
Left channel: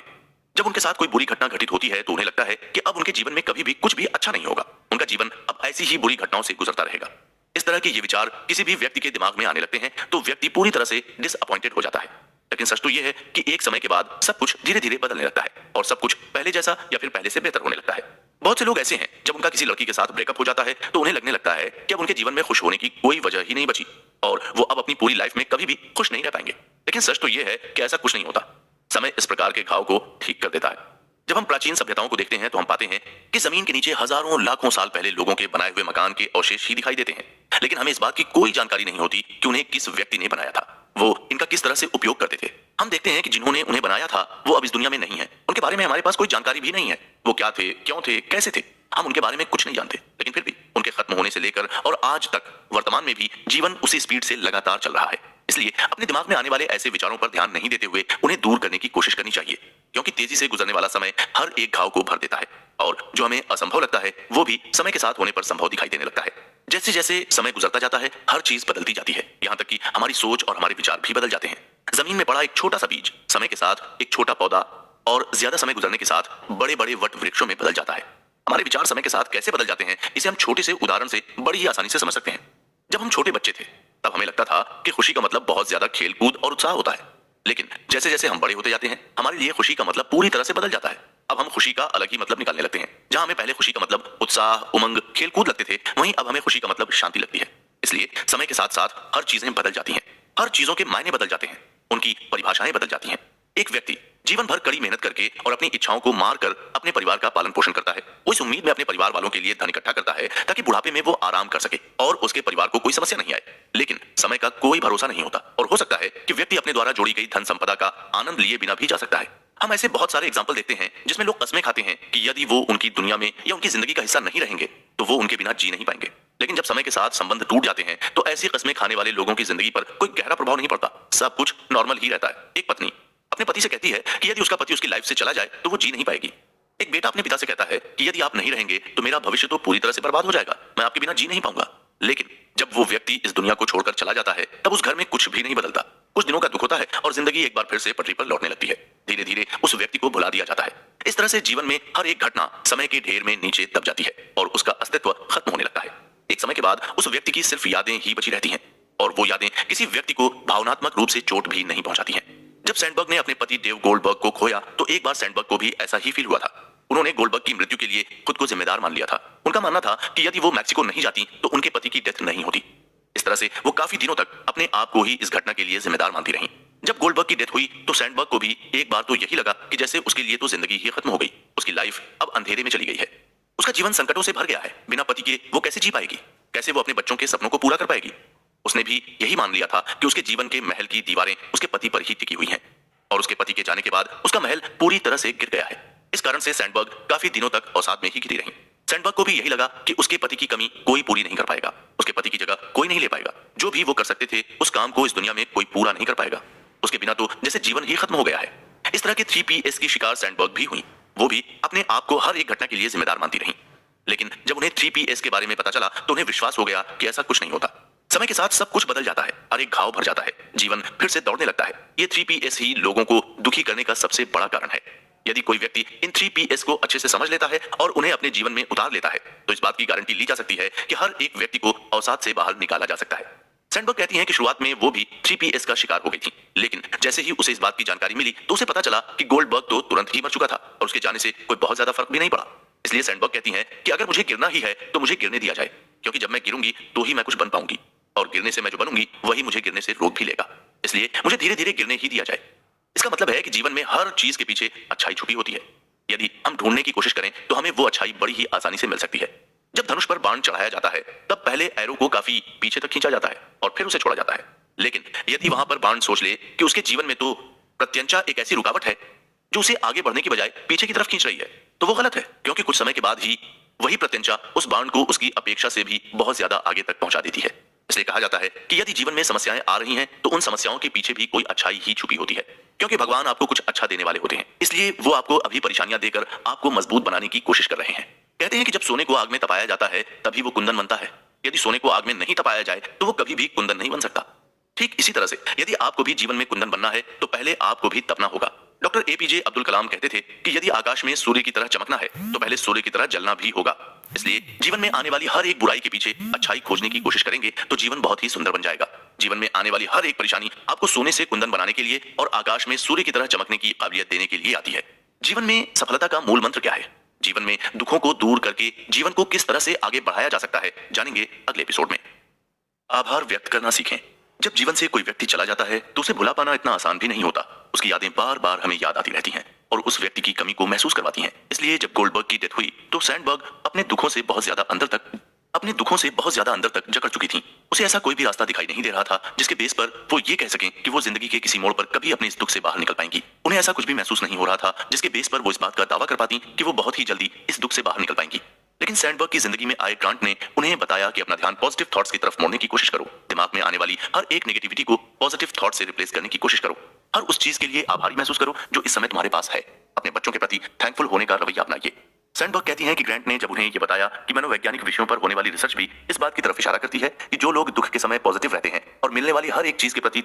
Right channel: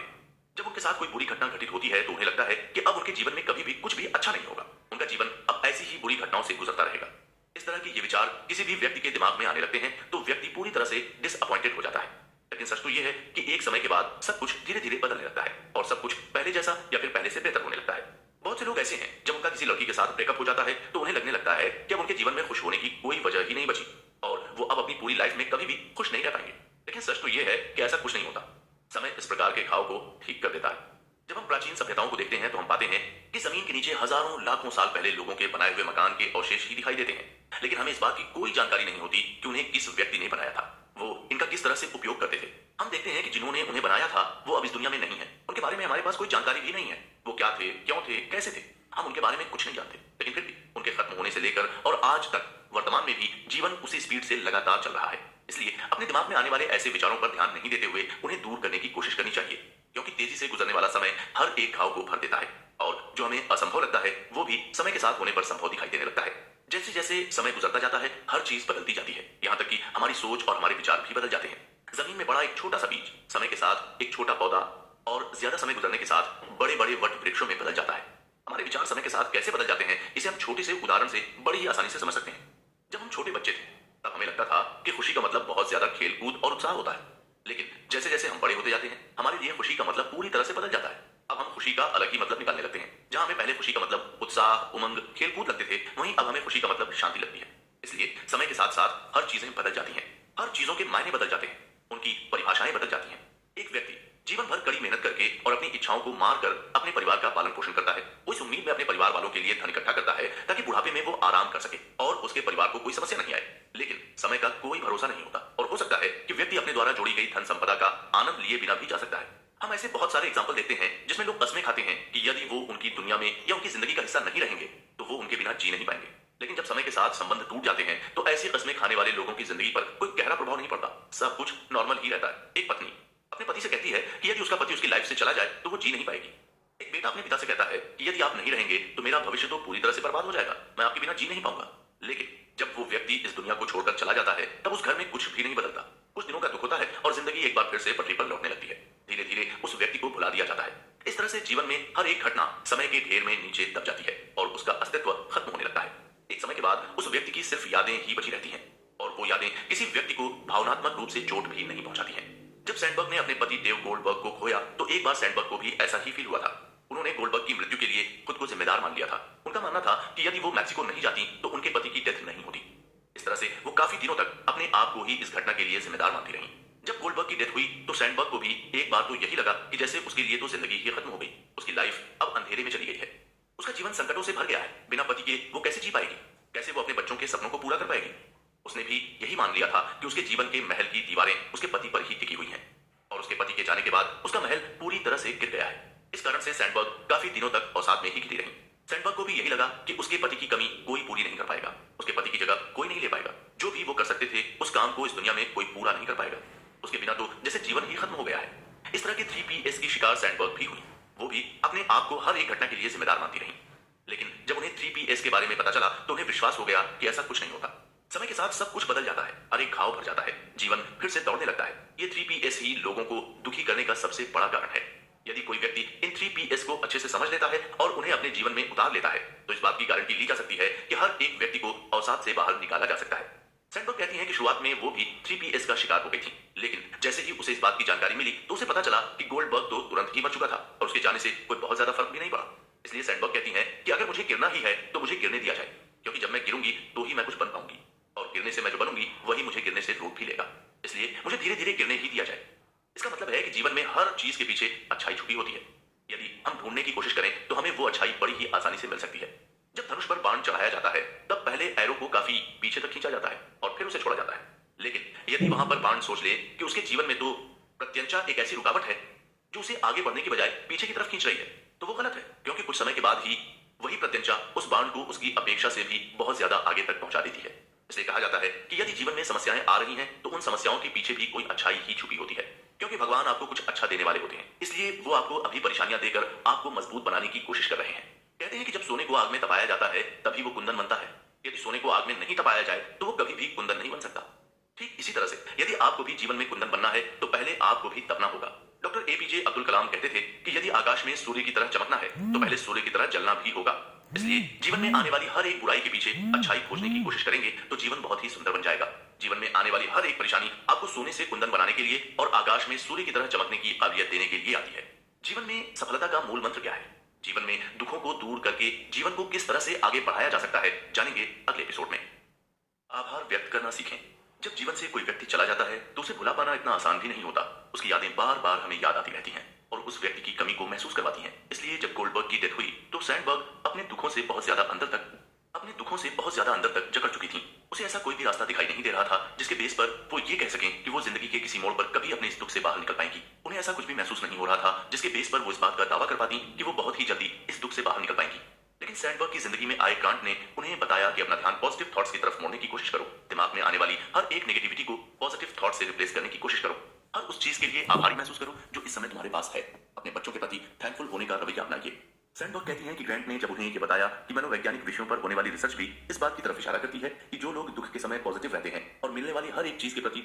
जब उनके साथ कोई बुरी घटना घटित होती है तो उन्हें लगता है कि अब उनके जीवन में कभी भी कुछ भी अच्छा नहीं होगा, उनका जीवन अब ऐसी ही बुरी घटनाओं से गुजरता रहेगा। इस तरह के ये विचार किसी भी व्यक्ति के दिमाग में आने लगते हैं तो व्यक्ति पूरी तरह से डिसअपॉइंटेड हो जाता है। लेकिन सच तो यह है कि एक समय के बाद सब कुछ धीरे धीरे बदलने लगता है और सब कुछ पहले जैसा या फिर पहले से बेहतर होने लगता है। बहुत से लोग ऐसे हैं जब उनका किसी लड़की के साथ ब्रेकअप हो जाता है तो उन्हें लगने लगता है कि अब उनके जीवन में खुश होने की कोई वजह ही नहीं बची और वो अब अपनी पूरी लाइफ में कभी भी खुश नहीं रह पाएंगे। लेकिन सच तो यह है कि ऐसा कुछ नहीं होता। समय इस प्रकार के घाव को ठीक कर देता है। जब हम प्राचीन सभ्यताओं को देखते हैं तो हम पाते हैं कि जमीन के नीचे हजारों लाखों साल पहले लोगों के बनाए हुए मकान के अवशेष ही दिखाई देते हैं। लेकिन हमें इस बात की कोई जानकारी नहीं होती कि उन्हें किस व्यक्ति ने बनाया था, वो इनका किस तरह से उपयोग करते थे। हम देखते हैं कि जिन्होंने उन्हें बनाया था वो अब इस दुनिया में नहीं है, उनके बारे में हमारे पास कोई जानकारी भी नहीं है। वो क्या थे, क्यों थे, कैसे थे, हम उनके बारे में कुछ नहीं जानते। लेकिन फिर भी उनके खत्म होने से लेकर और आज तक वर्तमान में भी जीवन उसी स्पीड से लगातार चल रहा है। इसलिए अपने दिमाग में आने वाले ऐसे विचारों पर ध्यान नहीं देते हुए उन्हें दूर करने की कोशिश करनी चाहिए, क्योंकि तेजी से गुजरने वाला समय हर एक घाव को भर देता है और जो हमें असंभव लगता है वो भी समय के साथ होने पर संभव दिखाई देने लगता है। जैसे जैसे समय गुजरता जाता है हर चीज बदलती जाती है, यहाँ तक कि हमारी सोच और हमारे विचार भी बदल जाते हैं। जमीन में पड़ा एक छोटा सा बीज समय के साथ एक छोटा पौधा और ज्यादा समय गुजरने के साथ बड़े बड़े वट वृक्षों में बदल जाता है। हमारे विचार समय के साथ कैसे बदल जाते हैं इसे हम छोटे से उदाहरण से बड़ी ही आसानी से समझ सकते हैं। जब हम छोटे बच्चे थे तब हमें लगता था कि खुशी का मतलब बहुत ज्यादा खेल कूद और उत्साह होता है। लेकिन जैसे जैसे हम बड़े होते जाते हैं हमारे लिए खुशी का मतलब पूरी तरह से बदल जाता है। अब हम खुशी का अलग ही मतलब निकालने लगते हैं। जहां हमें पहले खुशी का मतलब उत्साह, उमंग, खेल कूद लगते थे, वहीं अब हमें खुशी का मतलब शांति लगती है। इसलिए समय के साथ साथ हर चीजें बदल जाती हैं, हर चीजों के मायने बदल जाते हैं, उनकी परिभाषाएं बदल जाती हैं। एक व्यक्ति जीवन भर कड़ी मेहनत करके और अपनी इच्छाओं को मार कर अपने परिवार का पालन पोषण करता है। वो इस उम्मीद में अपने परिवार वालों के लिए धन इकट्ठा करता है ताकि बुढ़ापे में वो आराम कर सके और उसके परिवार को कोई समस्या नहीं आए। लेकिन समय का कोई भरोसा नहीं होता और हो सकता है कि व्यक्ति अपने द्वारा जोड़ी गई धन संपदा का आनंद लिए बिना भी जा सकता है। हम ऐसे बहुत सारे एग्जाम्पल देखते हैं जिसमें लोग कस्में खाते हैं कि यदि वो उनकी दुनिया में या उनकी जिंदगी का हिस्सा नहीं रहेंगे तो वो उनके बिना जी नहीं पाएंगे। लेकिन जब समय के साथ संबंध टूट जाते हैं तो ऐसी कस्में खाने वाले लोगों की जिंदगी पर कोई गहरा प्रभाव नहीं पड़ता, सब कुछ नॉर्मल ही रहता है। एक पत्नी अपने पति से कहती है कि यदि उसका पति उसकी लाइफ से चला जाए तो वो जी नहीं पाएगी। एक बेटा अपने पिता से कहता है कि यदि आप नहीं रहेंगे तो मेरा भविष्य तो पूरी तरह से बर्बाद हो जाएगा, मैं आपके बिना जी नहीं पाऊंगा। लेकिन जब वो व्यक्ति इस दुनिया को छोड़कर चला जाता है तब उस घर में कुछ भी नहीं बदलता। कुछ दिनों का दुख होता है और जिंदगी एक बार फिर से पटरी पर लौटने लगती है। धीरे धीरे उस व्यक्ति को भुला दिया जाता है। इस तरह से जीवन में हर एक घटना समय के ढेर में नीचे दब जाती है और उसका अस्तित्व खत्म होने लगता है। एक समय के बाद उस व्यक्ति की सिर्फ यादें ही बची रहती हैं और वो यादें किसी व्यक्ति को भावनात्मक रूप से चोट भी नहीं पहुंचाती हैं। जब सैंडबर्ग ने अपने पति डेव गोल्डबर्ग को खोया तो एक बार सैंडबर्ग को भी ऐसा ही फील हुआ था। उन्होंने गोल्डबर्ग की मृत्यु के लिए खुद को जिम्मेदार मान लिया था। उनका मानना था कि यदि वो मैक्सिको नहीं जाती तो उनके पति की डेथ नहीं होती। इस तरह से वो काफी दिनों तक अपने आप को ही इस घटना के लिए जिम्मेदार मानती रहीं। जब गोल्डबर्ग की डेथ हुई तो सैंडबर्ग को भी एक बार तो यही लगा कि जैसे उसके लिए तो जिंदगी ही खत्म हो गई, उसकी लाइफ अब अंधेरे में चली गई है। उसका जीवन संकटों से भर गया है। बिना पति के वो कैसे जी पाएगी? कैसे वो अपने बच्चों के सपनों को पूरा कर पाएगी? उसने भी यही मान लिया था कि उसके जीवन के महल की दीवारें उसके पति पर ही टिकी हुई हैं और उसके पति के जाने के बाद उसका महल पूरी तरह से गिर गया है। इस कारण से सैंडबर्ग काफी दिनों तक अवसाद में ही घिरी रही। सैंडबर्ग को भी यही लगा कि उसके पति की कमी कोई पूरी नहीं कर पाएगा, उसके पति की जगह कोई नहीं ले पाएगा। जो भी वो कर सकते थे उस काम को इस दुनिया में कोई पूरा नहीं कर पाएगा। उसके बिना तो जैसे जीवन ही खत्म हो गया है। इस तरह के 3PS की शिकार सैंडबर्ग भी हुई। वो भी अपने आप को हर एक घटना के लिए जिम्मेदार मानती रही। लेकिन जब उन्हें 3PS के बारे में पता चला तो उन्हें विश्वास हो गया कि ऐसा कुछ नहीं होता। समय के साथ सब कुछ बदल जाता है, हर एक घाव भर जाता है, जीवन फिर से दौड़ने लगता है। ये 3PS ही लोगों को दुखी करने का सबसे बड़ा कारण है। यदि कोई व्यक्ति इन 3PS को अच्छे से समझ लेता है और उन्हें अपने जीवन में उतार लेता है तो इस बात की गारंटी ली जा सकती है कि हर एक व्यक्ति को अवसाद से बाहर निकाला जा सकता है। सैंडबर्ग कहती हैं कि शुरुआत में वो भी 3PS का शिकार हो गई थी, लेकिन जैसे ही उसे इस बात की जानकारी मिली तो उसे पता चला कि गोल्डबर्ग तो तुरंत ही मर चुका था और उसके जाने से कोई बहुत ज्यादा फर्क भी नहीं पड़ा। इसलिए सैंडबर्ग कहती हैं कि अगर मुझे गिरना ही है तो मुझे गिरने दिया जाए, क्योंकि जब मैं गिरूंगी तो ही मैं कुछ बन पाऊंगी और गिरने से मैं जो बनूंगी वही मुझे गिरने से रोक भी लेगा। इसलिए मुझे धीरे धीरे गिरने ही दिया जाए। इसका मतलब है कि जीवन में हर चीज के पीछे अच्छाई छुपी होती है। यदि हम ढूंढने की कोशिश करें तो हमें वो अच्छाई बड़ी ही आसानी से मिल सकती है। जब धनुष पर बाण चढ़ाया जाता है तब पहले एरो को काफी पीछे तक खींचा जाता है और फिर उसे छोड़ा जाता है। लेकिन यदि वहां पर बाण सोच ले कि उसके जीवन में तो प्रत्यंचा एक ऐसी रुकावट है जो उसे आगे बढ़ने की बजाय पीछे की तरफ खींच रही है, तो वो गलत है, क्योंकि कुछ समय के बाद ही वही प्रत्यंचा उस बाण को उसकी अपेक्षा से भी बहुत ज्यादा आगे तक पहुंचा देती है। इसलिए कहा जाता है कि यदि जीवन में समस्याएं आ रही हैं तो उन समस्याओं के पीछे भी कोई अच्छाई ही छुपी होती है, क्योंकि भगवान आपको कुछ अच्छा देने वाले होते हैं। इसलिए वो आपको अभी परेशानियां देकर आपको मजबूत बनाने की कोशिश कर रहे हैं। कहते हैं कि जब सोने को आग में तपाया जाता है तभी वो कुंदन बनता है। यदि सोने को आग में नहीं तपाया जाए तो वो कभी भी कुंदन नहीं बन सकता। ठीक इसी तरह से यदि आपको भी जीवन में कुंदन बनना है तो पहले आपको भी तपना होगा। डॉक्टर एपीजे अब्दुल कलाम कहते थे कि यदि आकाश में सूर्य की तरह चमकना है तो पहले सूर्य की तरह जलना भी होगा। इसलिए जीवन में आने वाली हर एक बुराई के पीछे अच्छाई खोजने की कोशिश करेंगे तो जीवन बहुत ही सुंदर बन जाएगा। जीवन में आने वाली हर एक परेशानी आपको सोने से कुंदन बनाने के लिए और आकाश में सूर्य की तरह चमकने की काबिलियत देने के लिए आती है। जीवन में सफलता का मूल मंत्र क्या है? जीवन में दुखों को दूर करके जीवन को किस तरह से आगे बढ़ाया जा सकता है, जानेंगे अगले एपिसोड में। आभार व्यक्त करना सीखें। जब जीवन से कोई व्यक्ति चला जाता है तो उसे भुला पाना इतना आसान भी नहीं होता। उसकी यादें बार बार हमें याद आती रहती हैं और उस व्यक्ति की कमी को महसूस करवाती हैं। इसलिए जब गोल्डबर्ग की डेथ हुई तो सैंडबर्ग अपने दुखों से बहुत ज्यादा अंदर तक जकड़ चुकी थी। उसे ऐसा कोई भी रास्ता दिखाई नहीं दे रहा था जिसके बेस पर वो ये कह सकें कि वो जिंदगी के किसी मोड़ पर कभी अपने इस दुख से बाहर निकल पाएंगी। उन्हें ऐसा कुछ भी महसूस नहीं हो रहा था जिसके बेस पर वो इस बात का दावा कर पाती कि वो बहुत ही जल्दी इस दुख से बाहर निकल पाएंगी। लेकिन सैंडबर्ग की जिंदगी में आए ग्रांट ने उन्हें बताया कि अपना ध्यान पॉजिटिव थॉट्स की तरफ मोड़ने की कोशिश करो। दिमाग में आने वाली हर एक नेगेटिविटी को पॉजिटिव थॉट से रिप्लेस करने की कोशिश करो। हर उस चीज के लिए आभारी महसूस करो जो इस समय तुम्हारे पास है। अपने बच्चों के प्रति थैंकफुल होने का रवैया अपनाइए। सैंडबर्ग कहती हैं कि ग्रांट ने जब उन्हें ये बताया कि मनोवैज्ञानिक विषयों पर होने वाली रिसर्च भी इस बात की तरफ इशारा करती है कि जो लोग दुख के समय पॉजिटिव रहते हैं और मिलने वाली हर एक चीज के प्रति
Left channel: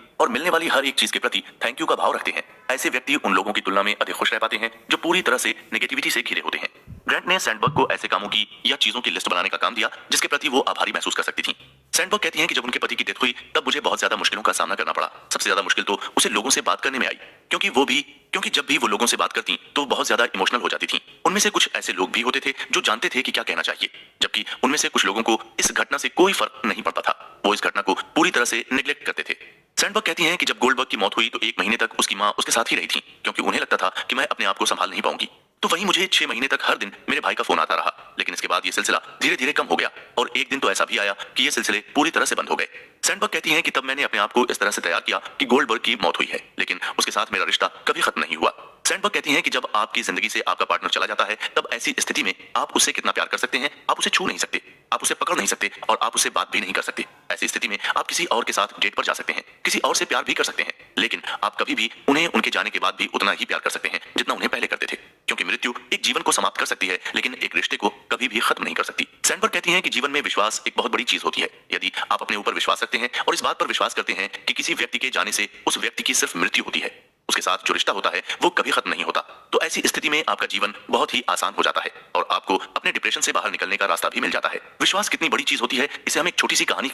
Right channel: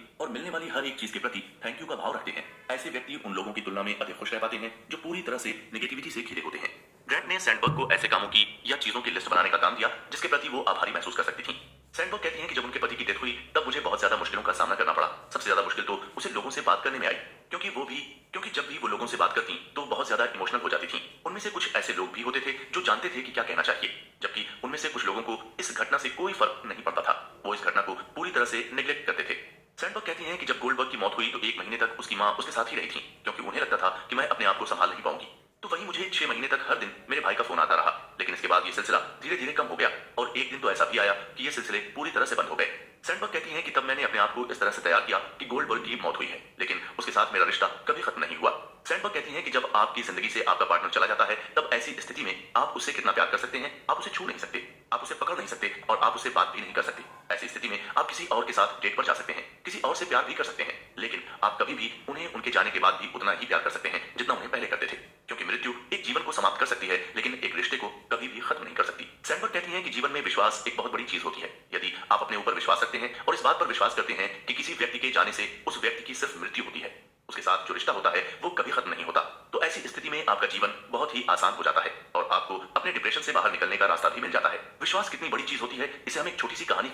थैंक यू का भाव रखते हैं, ऐसे व्यक्ति उन लोगों की तुलना में अधिक खुश रह पाते हैं जो पूरी तरह से नेगेटिविटी से घिरे होते हैं। ग्रांट ने सैंडबर्ग को ऐसे कामों की या चीजों की लिस्ट बनाने का काम दिया जिसके प्रति वो आभारी महसूस कर सकती थी। सैंडबर्ग कहती हैं कि जब उनके पति की डेथ हुई तब मुझे बहुत ज्यादा मुश्किलों का सामना करना पड़ा। सबसे ज्यादा मुश्किल तो उसे लोगों से बात करने में आई, क्योंकि जब भी वो लोगों से बात करती तो बहुत ज्यादा इमोशनल हो जाती थी। उनमें से कुछ ऐसे लोग भी होते थे जो जानते थे कि क्या कहना चाहिए, जबकि उनमें से कुछ लोगों को इस घटना से कोई फर्क नहीं पड़ता था। वो इस घटना को पूरी तरह से निग्लेक्ट करते थे। सैंडबर्ग कहती हैं कि जब गोल्डबर्ग की मौत हुई तो 1 महीने तक उसकी मां उसके साथ ही रही थी, क्योंकि उन्हें लगता था कि मैं अपने आप को संभाल नहीं पाऊंगी। तो वहीं मुझे 6 महीने तक हर दिन मेरे भाई का फोन आता रहा, लेकिन इसके बाद ये सिलसिला धीरे धीरे कम हो गया और एक दिन तो ऐसा भी आया कि ये सिलसिले पूरी तरह से बंद हो गए। सैंडबर्ग कहती हैं कि तब मैंने अपने आप को इस तरह से तैयार किया कि गोल्डबर्ग की मौत हुई है, लेकिन उसके साथ मेरा रिश्ता कभी खत्म नहीं हुआ। सैंडबर्ग कहती हैं कि जब आपकी जिंदगी से आपका पार्टनर चला जाता है तब ऐसी स्थिति में आप उससे कितना प्यार कर सकते हैं, आप उसे छू नहीं सकते, आप उसे पकड़ नहीं सकते और आप उससे बात भी नहीं कर सकते। ऐसी स्थिति में आप किसी और के साथ डेट पर जा सकते हैं, किसी और से प्यार भी कर सकते हैं, लेकिन आप कभी भी उन्हें उनके जाने के बाद भी उतना ही प्यार कर सकते हैं जितना उन्हें पहले करते थे, क्योंकि मृत्यु एक जीवन को समाप्त कर सकती है लेकिन एक रिश्ते को कभी भी खत्म नहीं कर सकती। सैंडबर्ग कहती हैं कि जीवन में विश्वास एक बहुत बड़ी चीज होती है। यदि आप अपने ऊपर विश्वास रखते हैं और इस बात पर विश्वास करते हैं कि किसी व्यक्ति के जाने से उस व्यक्ति की सिर्फ मृत्यु होती है, उसके साथ जो रिश्ता होता है वो कभी खत्म नहीं होता, तो ऐसी स्थिति में आपका जीवन बहुत ही आसान हो जाता है और आपको अपने डिप्रेशन से बाहर निकलने का रास्ता भी मिल जाता है। विश्वास कितनी बड़ी चीज होती है इसे हम एक छोटी सी कहानी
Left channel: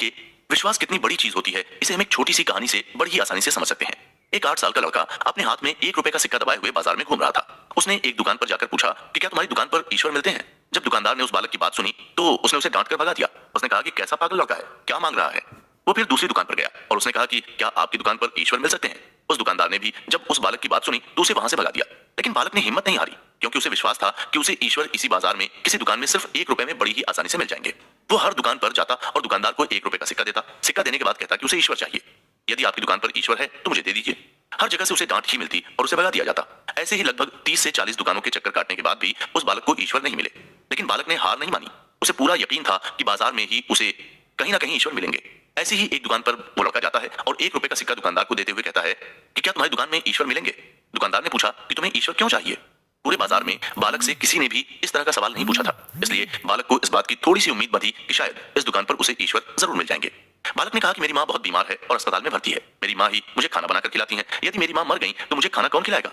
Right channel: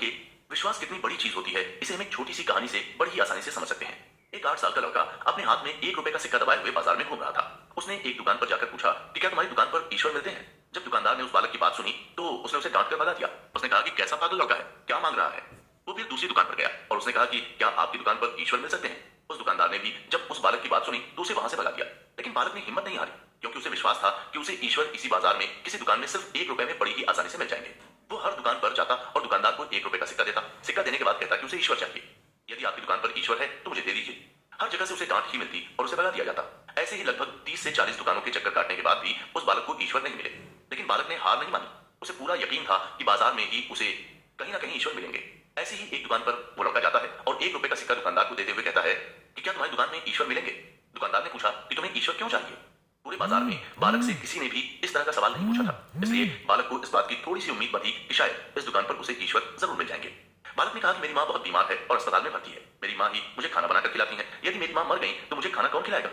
से बड़ी ही आसानी से समझ सकते हैं। एक 8 साल का लड़का अपने हाथ में 1 रुपए का सिक्का दबाए हुए बाजार में घूम रहा था। उसने एक दुकान पर जाकर पूछा कि क्या तुम्हारी दुकान पर ईश्वर मिलते हैं? जब दुकानदार ने उस बालक की बात सुनी तो उसने उसे डांट कर भगा दिया। उसने कहा कि कैसा पागल लड़का है, क्या मांग रहा है। वो फिर दूसरी दुकान पर गया और उसने कहा कि क्या आपकी दुकान पर ईश्वर मिल सकते हैं? उस दुकानदार ने भी जब उस बालक की बात सुनी तो उसे वहां से भगा दिया। लेकिन बालक ने हिम्मत नहीं हारी, क्योंकि उसे विश्वास था कि उसे ईश्वर इसी बाजार में किसी दुकान में सिर्फ 1 रुपए में बड़ी ही आसानी से मिल जाएंगे। वो हर दुकान पर जाता और दुकानदार को 1 रुपए का सिक्का देता। सिक्का देने के बाद कहता कि उसे ईश्वर चाहिए, यदि आपकी दुकान पर ईश्वर है तो मुझे दे दीजिए। हर जगह से उसे डांट ही मिलती और उसे भगा दिया जाता। ऐसे ही लगभग 30 से 40 दुकानों के चक्कर काटने के बाद भी उस बालक को ईश्वर नहीं मिले। लेकिन बालक ने हार नहीं मानी। उसे पूरा यकीन था कि बाजार में ही उसे कहीं ना कहीं ईश्वर मिलेंगे। ऐसे ही एक दुकान पर वो लड़का जाता है और 1 रुपए का सिक्का दुकानदार को देते हुए कहता है कि क्या तुम्हारी दुकान में ईश्वर मिलेंगे? दुकानदार ने पूछा कि तुम्हें ईश्वर क्यों चाहिए? पूरे बाजार में बालक से किसी ने भी इस तरह का सवाल नहीं पूछा था, इसलिए बालक को इस बात की थोड़ी सी उम्मीद बंधी कि शायद इस दुकान पर उसे ईश्वर जरूर मिल जाएंगे। बालक ने कहा कि मेरी माँ बहुत बीमार है और अस्पताल में भर्ती है। मेरी माँ ही मुझे खाना बनाकर खिलाती है। यदि मेरी माँ मर गई तो मुझे खाना कौन खिलाएगा?